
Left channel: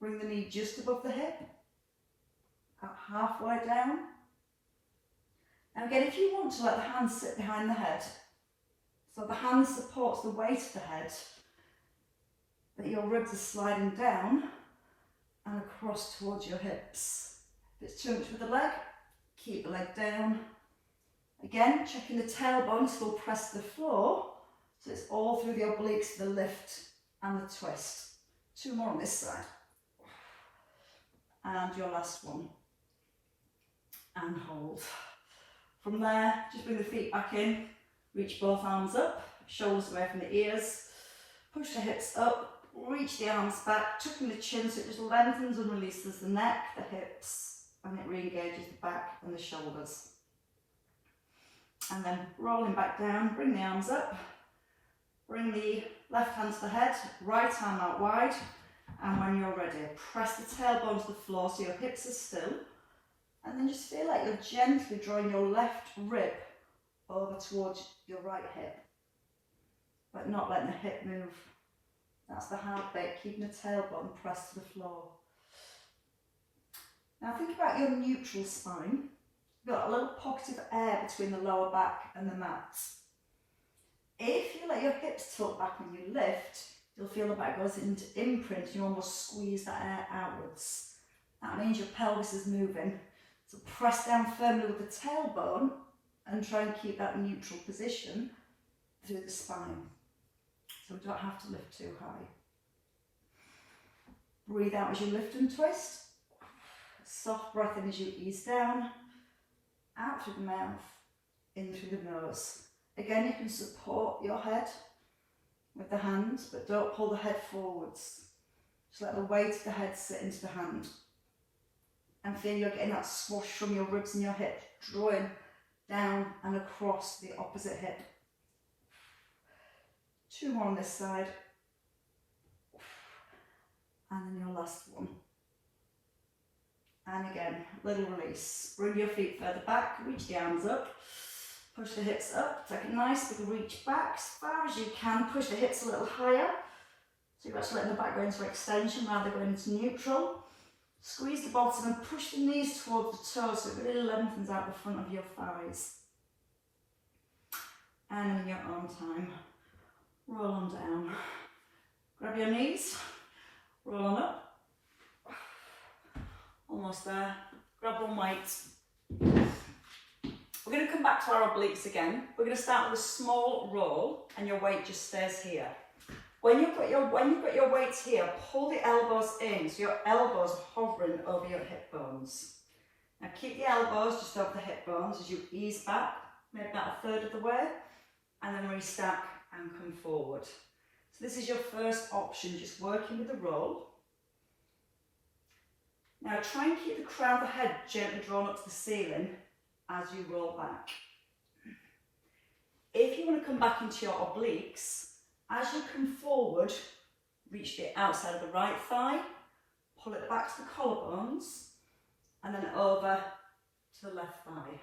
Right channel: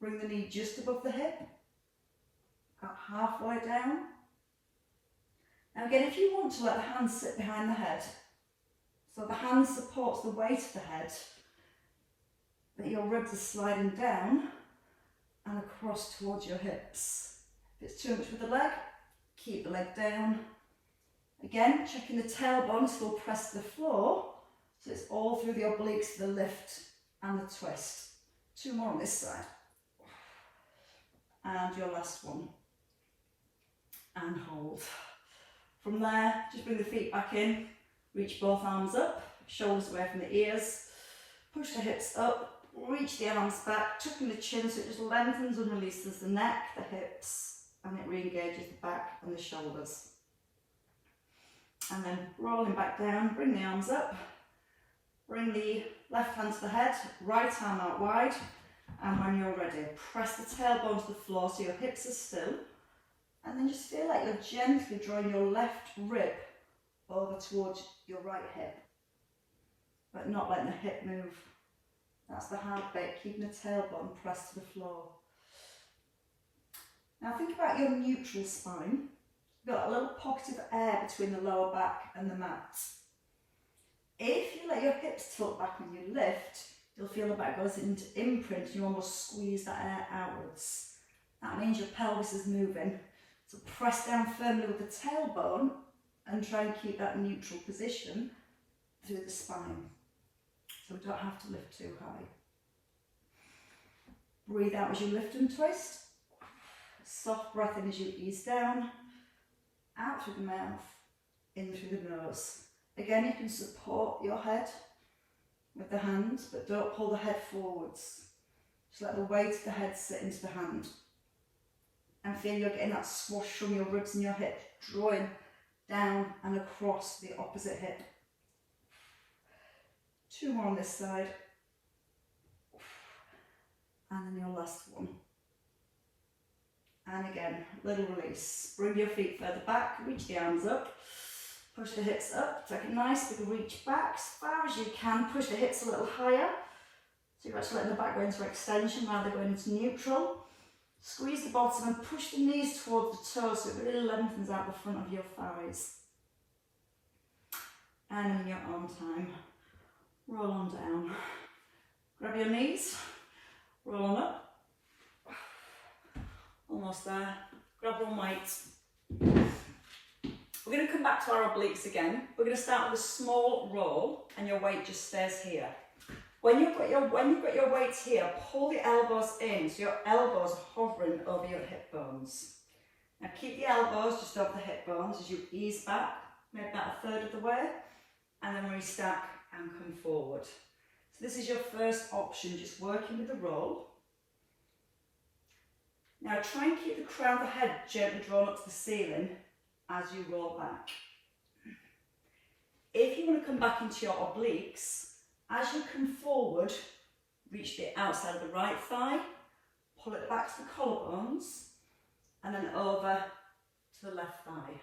bring the knee just above the hip, about halfway down. Now again, if you want to let the hands sit behind the head, so the hand supports the weight of the head, that your ribs are sliding down and across towards your hips. If it's too much with the leg, keep the leg down. Again, checking the tailbone still press the floor, so it's all through the obliques for the lift and the twist. Two more on this side. And your last one. And hold. From there, just bring the feet back in, reach both arms up, shoulders away from the ears, push the hips up, reach the arms back, tucking the chin so it just lengthens and releases the neck, the hips, and it re-engages the back and the shoulders. And then rolling back down, bring the arms up, bring the left hand to the head, right arm out wide, and when you're ready, press the tailbone to the floor so your hips are still, and then just feel like you're gently drawing your left rib over towards your right hip, but not letting the hip move. That's the hard bit, keeping the tailbone pressed to the floor. Now think about your neutral spine. You've got a little pocket of air between the lower back and the mat. If you let your hips tilt back when you lift, you'll feel the back goes into imprint and you almost squeeze that air outwards. That means your pelvis is moving. So press down firmly with the tailbone and try and keep that neutral position through the spine. So we don't have to lift too high. Breathe out as you lift and twist. Soft breath in as you ease down. Out through the mouth, in through the nose. Again, you can support your head with the hand, but don't pull the head forwards. Just let the weight of the head sit into the hand. And feel you're getting that swoosh from your ribs and your hip, drawing down and across the opposite hip. Two more on this side. And then your last one. And again, little release. Bring your feet further back, reach the arms up, push the hips up, take a nice big reach back as far as you can, push the hips a little higher. So you're actually letting the back go into extension rather than going into neutral. Squeeze the bottom and push the knees towards the toes so it really lengthens out the front of your thighs. And in your arm time, roll on down. Grab your knees, roll on up. Almost there. Grab one weight. We're going to come back to our obliques again. We're going to start with a small roll and your weight just stays here. When you've got your weights here, pull the elbows in so your elbows are hovering over your hip bones. Now keep the elbows just over the hip bones as you ease back, maybe about a third of the way, and then restack and come forward. So this is your first option, just working with the roll. Now try and keep the crown of the head gently drawn up to the ceiling as you roll back. If you want to come back into your obliques, as you come forward, reach the outside of the right thigh, pull it back to the collarbones, and then over to the left thigh.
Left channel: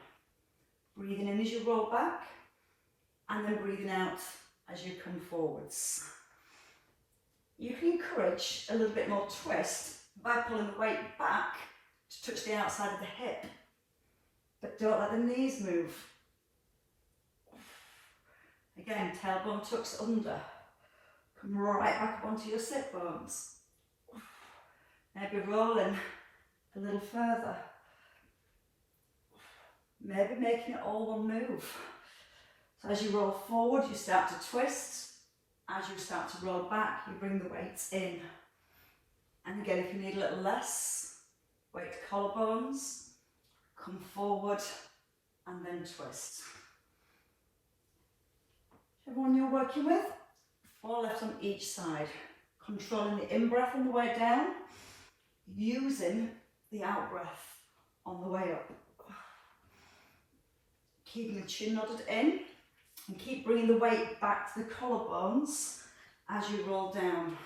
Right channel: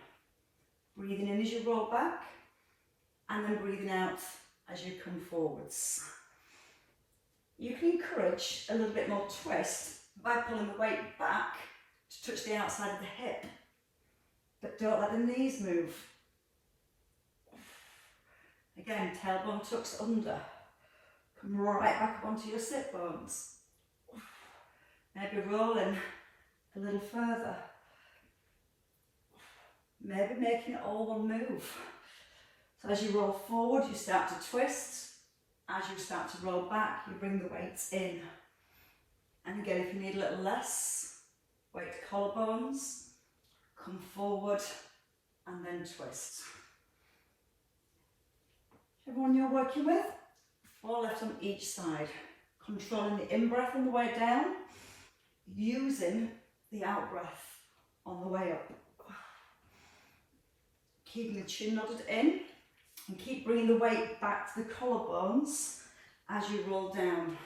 Breathing in as you roll back, and then breathing out as you come forwards. You can encourage a little bit more twist by pulling the weight back to touch the outside of the hip, but don't let the knees move. Again, tailbone tucks under. Come right back up onto your sit bones. Maybe rolling a little further. Maybe making it all one move. So as you roll forward, you start to twist. As you start to roll back, you bring the weights in. And again, if you need a little less, weight to collarbones, come forward and then twist. Everyone you're working with, 4 left on each side. Controlling the in-breath on the way down, using the out-breath on the way up. Keeping the chin nodded in, and keep bringing the weight back to the collarbones as you roll down.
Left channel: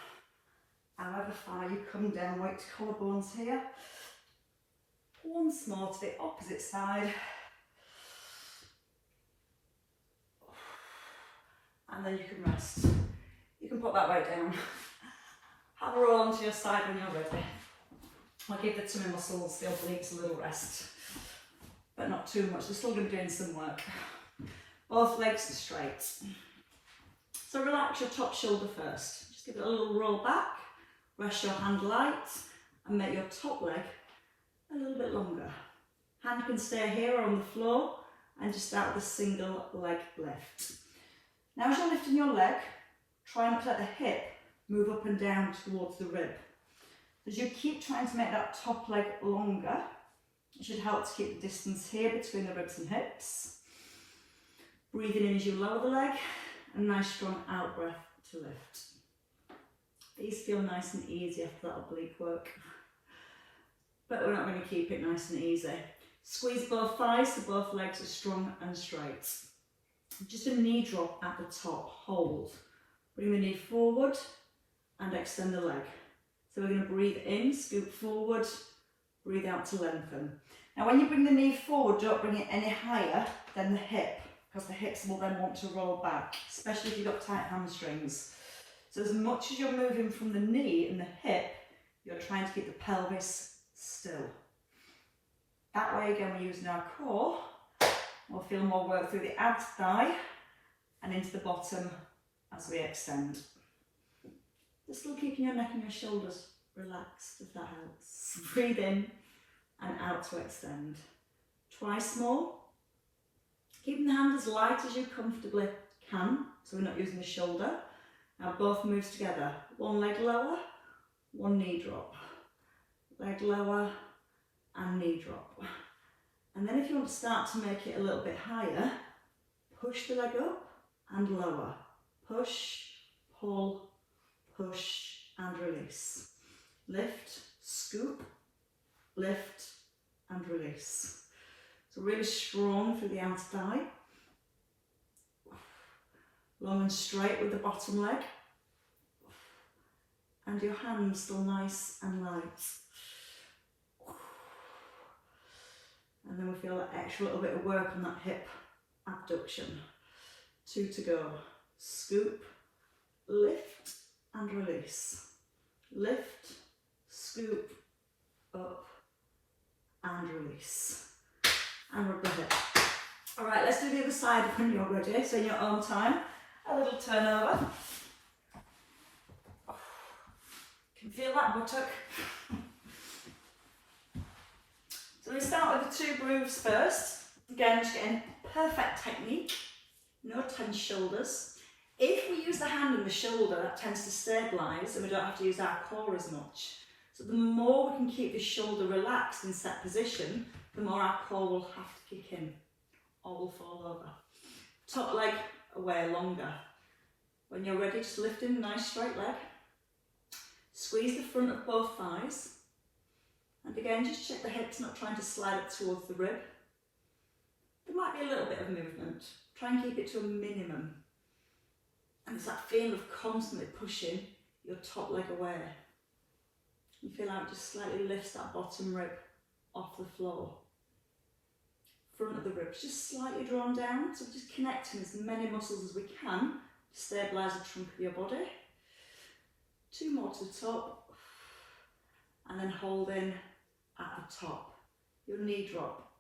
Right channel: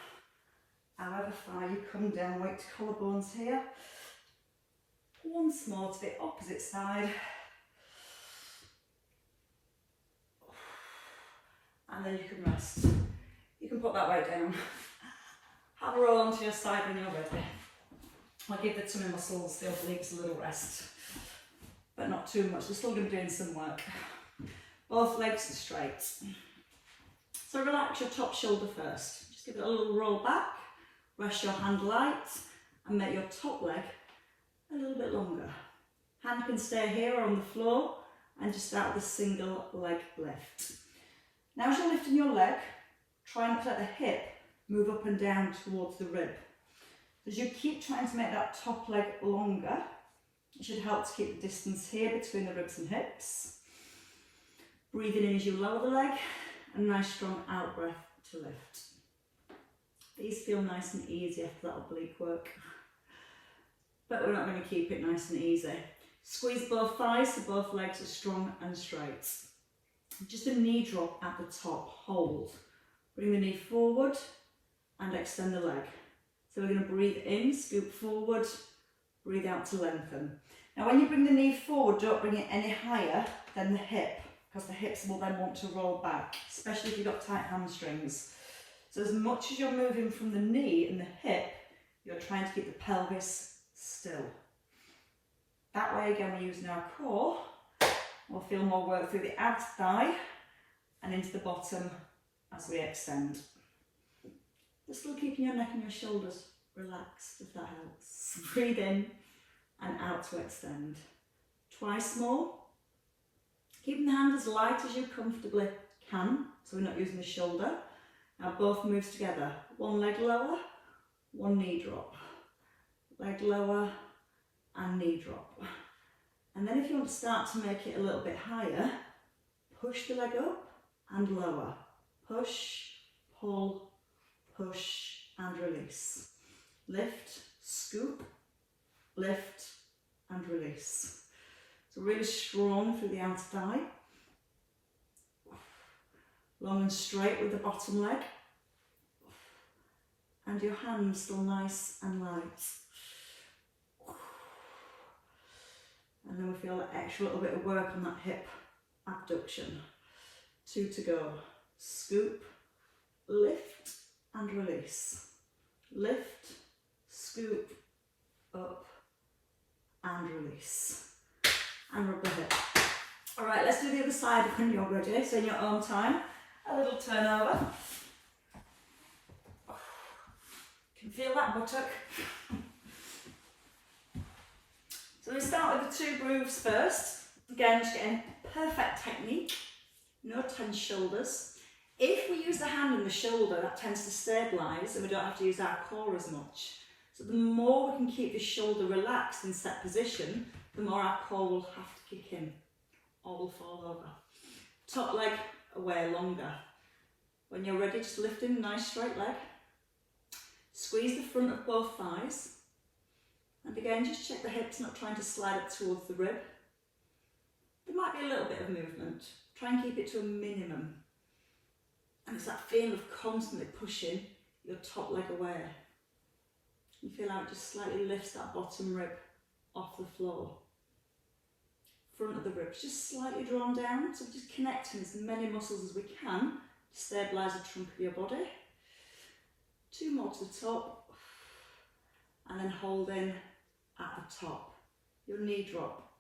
However far you come down, weight to collarbones here. Once more to the opposite side. And then you can rest. You can put that weight down. Have a roll onto your side when you're ready. I'll give the tummy muscles, the obliques, a little rest. But not too much, they're still going to be doing some work. Both legs are straight. So relax your top shoulder first. Just give it a little roll back, rest your hand light, and make your top leg a little bit longer. Hand can stay here or on the floor, and just start with a single leg lift. Now as you're lifting your leg, try not to let the hip move up and down towards the rib. As you keep trying to make that top leg longer, it should help to keep the distance here between the ribs and hips. Breathing in as you lower the leg, a nice strong out breath to lift. These feel nice and easy after that oblique work, but we're not going to keep it nice and easy. Squeeze both thighs so both legs are strong and straight. Just a knee drop at the top, hold. Bring the knee forward and extend the leg. So we're going to breathe in, scoop forward, breathe out to lengthen. Now when you bring the knee forward, don't bring it any higher than the hip, because the hips will then want to roll back, especially if you've got tight hamstrings. So as much as you're moving from the knee and the hip, you're trying to keep the pelvis still. That way again, we're using our core. We'll feel more work through the abs thigh and into the bottom as we extend. Just still keeping your neck and your shoulders relaxed, if that helps. Breathe in and out to extend. Twice more. Keeping the hand as light as you comfortably can, so we're not using the shoulder. Now both moves together. One leg lower, one knee drop. Leg lower and knee drop. And then if you want to start to make it a little bit higher, push the leg up and lower. Push, pull, push and release. Lift, scoop, lift and release. So really strong through the outer thigh. Long and straight with the bottom leg. And your hands still nice and light. And then we feel that extra little bit of work on that hip abduction. 2 to go. Scoop, lift and release. Lift, scoop, up and release. And rub the hip. All right, let's do the other side when you're ready. So in your own time, a little turnover. Can feel that buttock. So we start with the 2 grooves first. Again, just getting perfect technique. No tense shoulders. If we use the hand and the shoulder, that tends to stabilise and we don't have to use our core as much. So the more we can keep the shoulder relaxed in set position, the more our core will have to kick in or will fall over. Top leg away longer. When you're ready, just lift in a nice straight leg. Squeeze the front of both thighs. And again, just check the hips not trying to slide up towards the rib. There might be a little bit of movement. Try and keep it to a minimum. And it's that feeling of constantly pushing your top leg away. You feel how it just slightly lifts that bottom rib off the floor. Front of the ribs just slightly drawn down, so just connecting as many muscles as we can to stabilise the trunk of your body. 2 more to the top, and then hold in at the top. Your knee drop.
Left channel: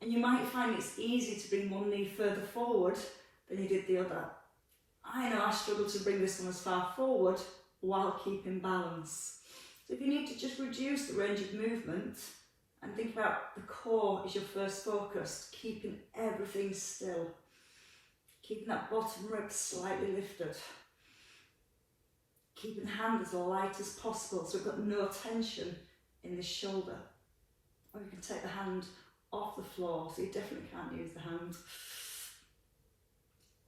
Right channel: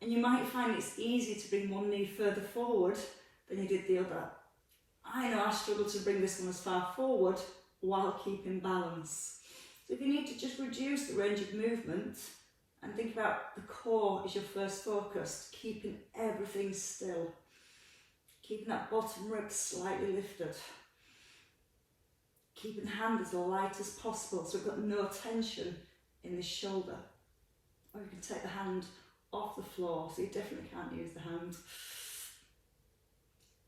And you might find it's easy to bring one knee further forward than you did the other. I know I struggled to bring this one as far forward while keeping balance. So if you need to just reduce the range of movement and think about the core as your first focus, keeping everything still, keeping that bottom rib slightly lifted, keeping the hand as light as possible so we've got no tension in the shoulder. Or you can take the hand off the floor so you definitely can't use the hand.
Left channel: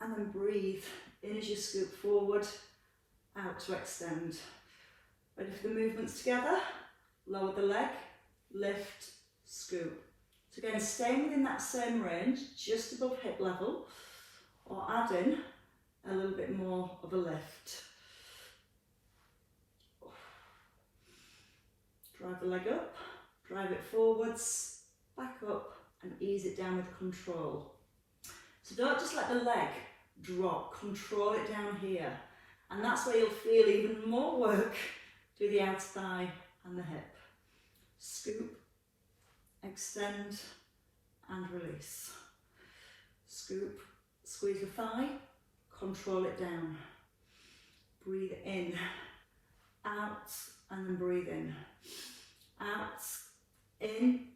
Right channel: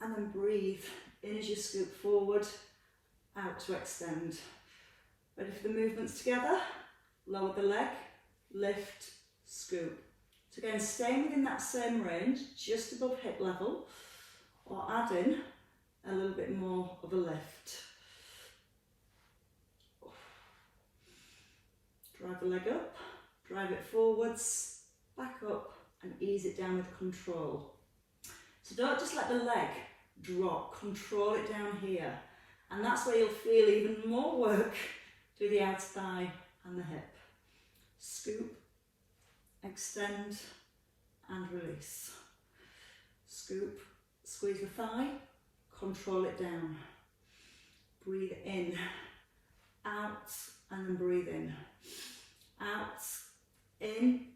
And then breathe in as you scoop forward, out to extend. Ready for the movements together? Lower the leg, lift, scoop. So again, staying within that same range, just above hip level, or add in a little bit more of a lift. Drive the leg up, drive it forwards, back up, and ease it down with control. So don't just let the leg drop, control it down here. And that's where you'll feel even more work through the outer thigh and the hip. Scoop, extend, and release. Scoop, squeeze the thigh, control it down. Breathe in, out, and then breathe in. Out, in,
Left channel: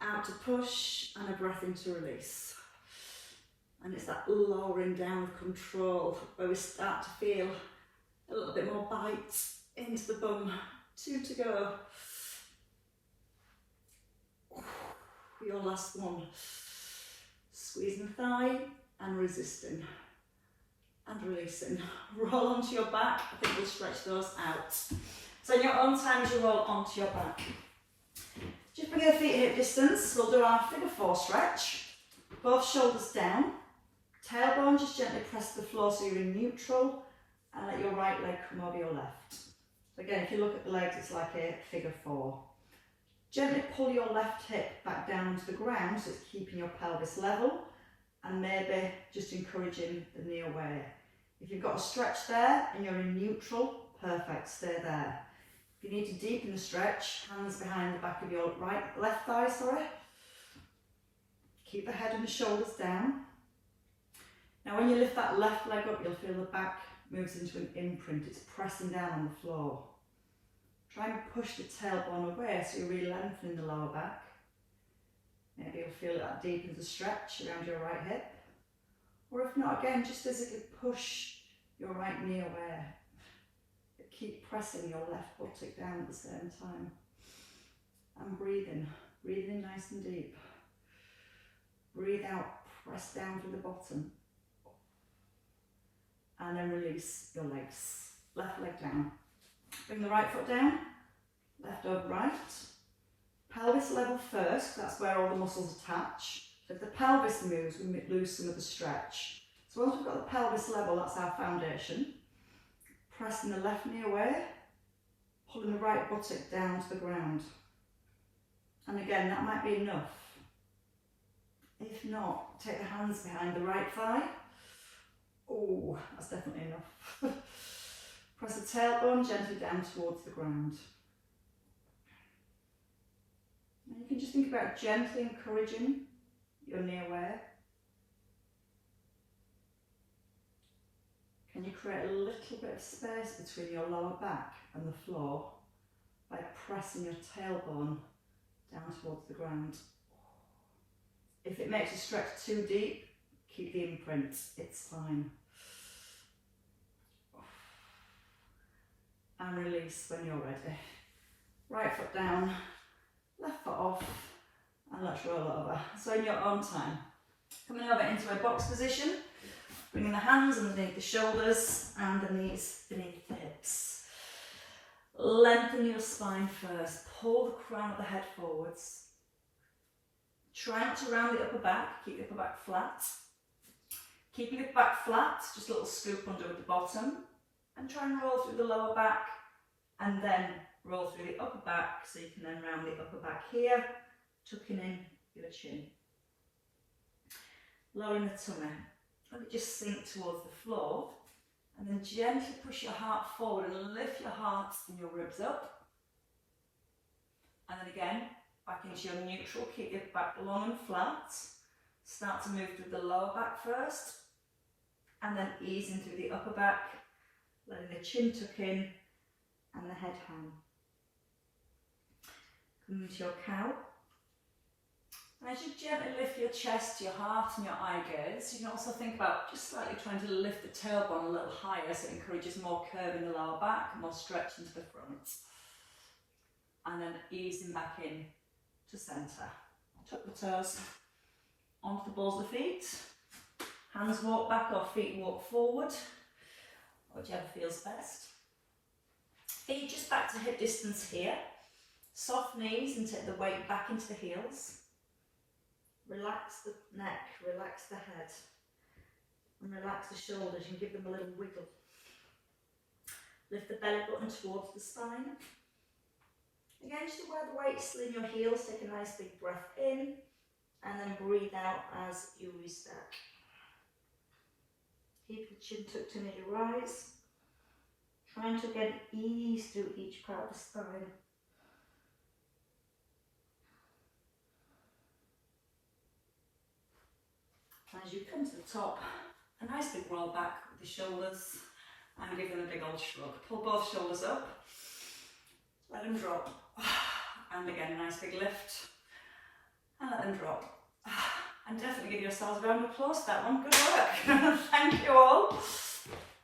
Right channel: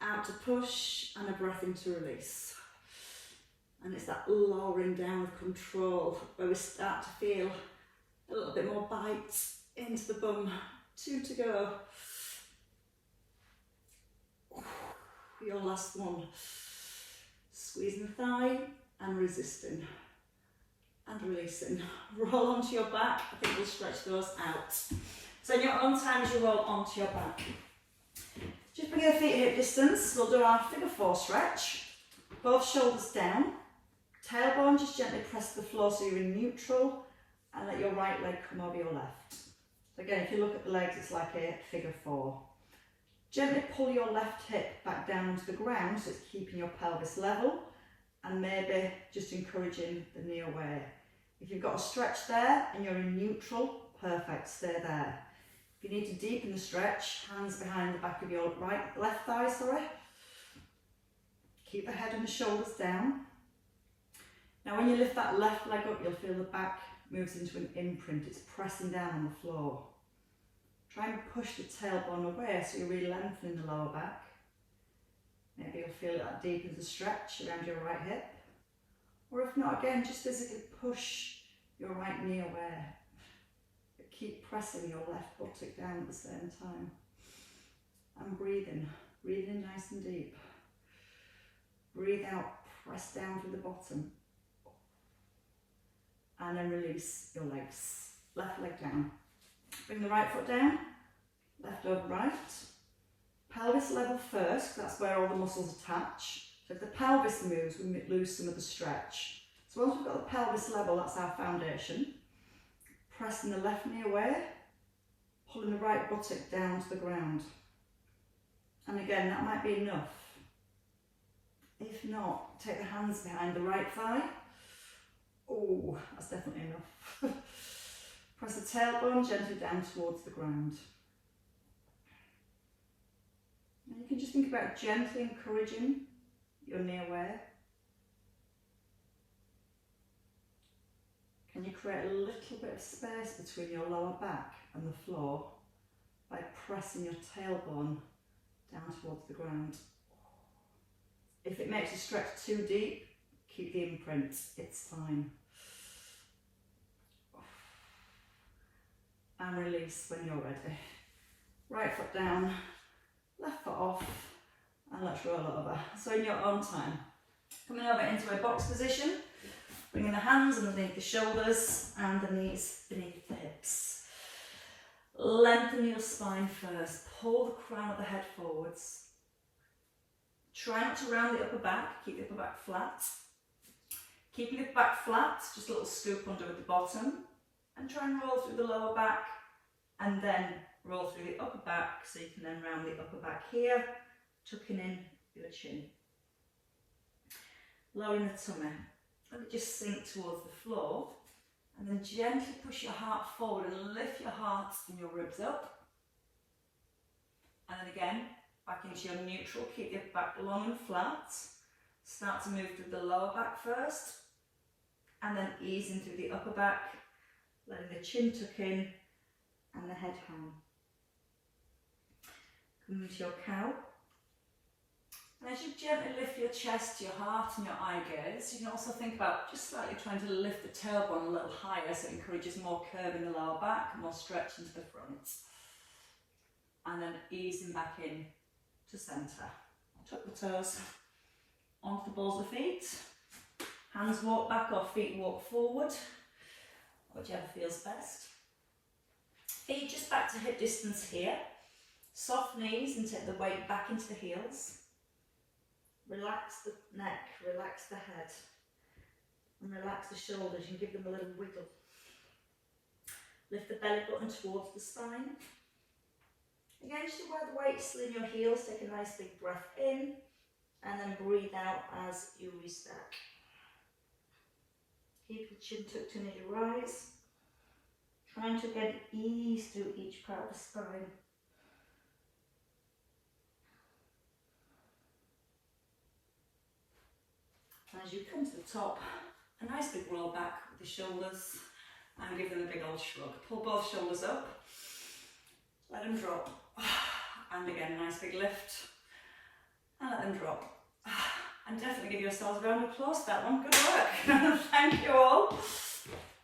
out to push, and a breath in to release. And it's that lowering down with control where we start to feel a little bit more bite into the bum. 2 to go. Your last one. Squeezing the thigh and resisting. And releasing. Roll onto your back. I think we'll stretch those out. So in your own time as you roll onto your back. Just bring the feet hip distance. We'll do our figure 4 stretch. Both shoulders down. Tailbone, just gently press the floor so you're in neutral, and let your right leg come over your left. So again, if you look at the legs, it's like a figure 4. Gently pull your left hip back down to the ground so it's keeping your pelvis level, and maybe just encouraging the knee away. If you've got a stretch there and you're in neutral, perfect, stay there. If you need to deepen the stretch, hands behind the back of your left thigh, Keep the head and the shoulders down. Now when you lift that left leg up, you'll feel the back moves into an imprint. It's pressing down on the floor. Try and push the tailbone away so you're really lengthening the lower back. Maybe you'll feel that deepens the stretch around your right hip. Or if not, again, just as if you push your right knee away. But keep pressing your left buttock down at the same time. And breathing nice and deep. Breathe out, press down to the bottom. And then release your legs. Left leg down. Bring the right foot down, left over right. Pelvis level first, that's where all the muscles attach. So if the pelvis moves, we lose some of the stretch. So once we've got the pelvis level, that's our foundation. Pressing the left knee away, pulling the right buttock down to the ground. And again, that might be enough. If not, take the hands behind the right thigh. Oh, that's definitely enough. Press the tailbone gently down towards the ground. And you can just think about gently encouraging your knee away. Can you create a little bit of space between your lower back and the floor by pressing your tailbone down towards the ground? If it makes you stretch too deep, keep the imprint, it's fine. And release when you're ready. Right foot down, left foot off, and let's roll over. So in your own time, coming over into a box position, bringing the hands underneath the shoulders and the knees beneath the hips. Lengthen your spine first, pull the crown of the head forwards. Try not to round the upper back, keep the upper back flat. Keep your back flat, just a little scoop under at the bottom. And try and roll through the lower back and then roll through the upper back so you can then round the upper back here, tucking in your chin. Lowering the tummy. Let it just sink towards the floor and then gently push your heart forward and lift your heart and your ribs up. And then again, back into your neutral, keep your back long and flat. Start to move through the lower back first. and then ease into the upper back, letting the chin tuck in and the head hang. Come into your cow. And as you gently lift your chest, your heart and your eye gaze, you can also think about just slightly trying to lift the tailbone a little higher so it encourages more curve in the lower back, more stretch into the front. And then easing back in to centre. Tuck the toes onto the balls of the feet. Hands walk back or feet walk forward, whichever feels best. Feet just back to hip distance here. Soft knees and take the weight back into the heels. Relax the neck, relax the head, and relax the shoulders and give them a little wiggle. Lift the belly button towards the spine. Again, just where the weight's still in your heels, take a nice big breath in, and then breathe out as you restack. Keep the chin tucked in as you rise, trying to get ease through each part of the spine. As you come to the top, a nice big roll back with the shoulders and give them a big old shrug. Pull both shoulders up, let them drop, and again a nice big lift, and let them drop. And definitely give yourselves a round of applause for that one. Good work. Thank you all.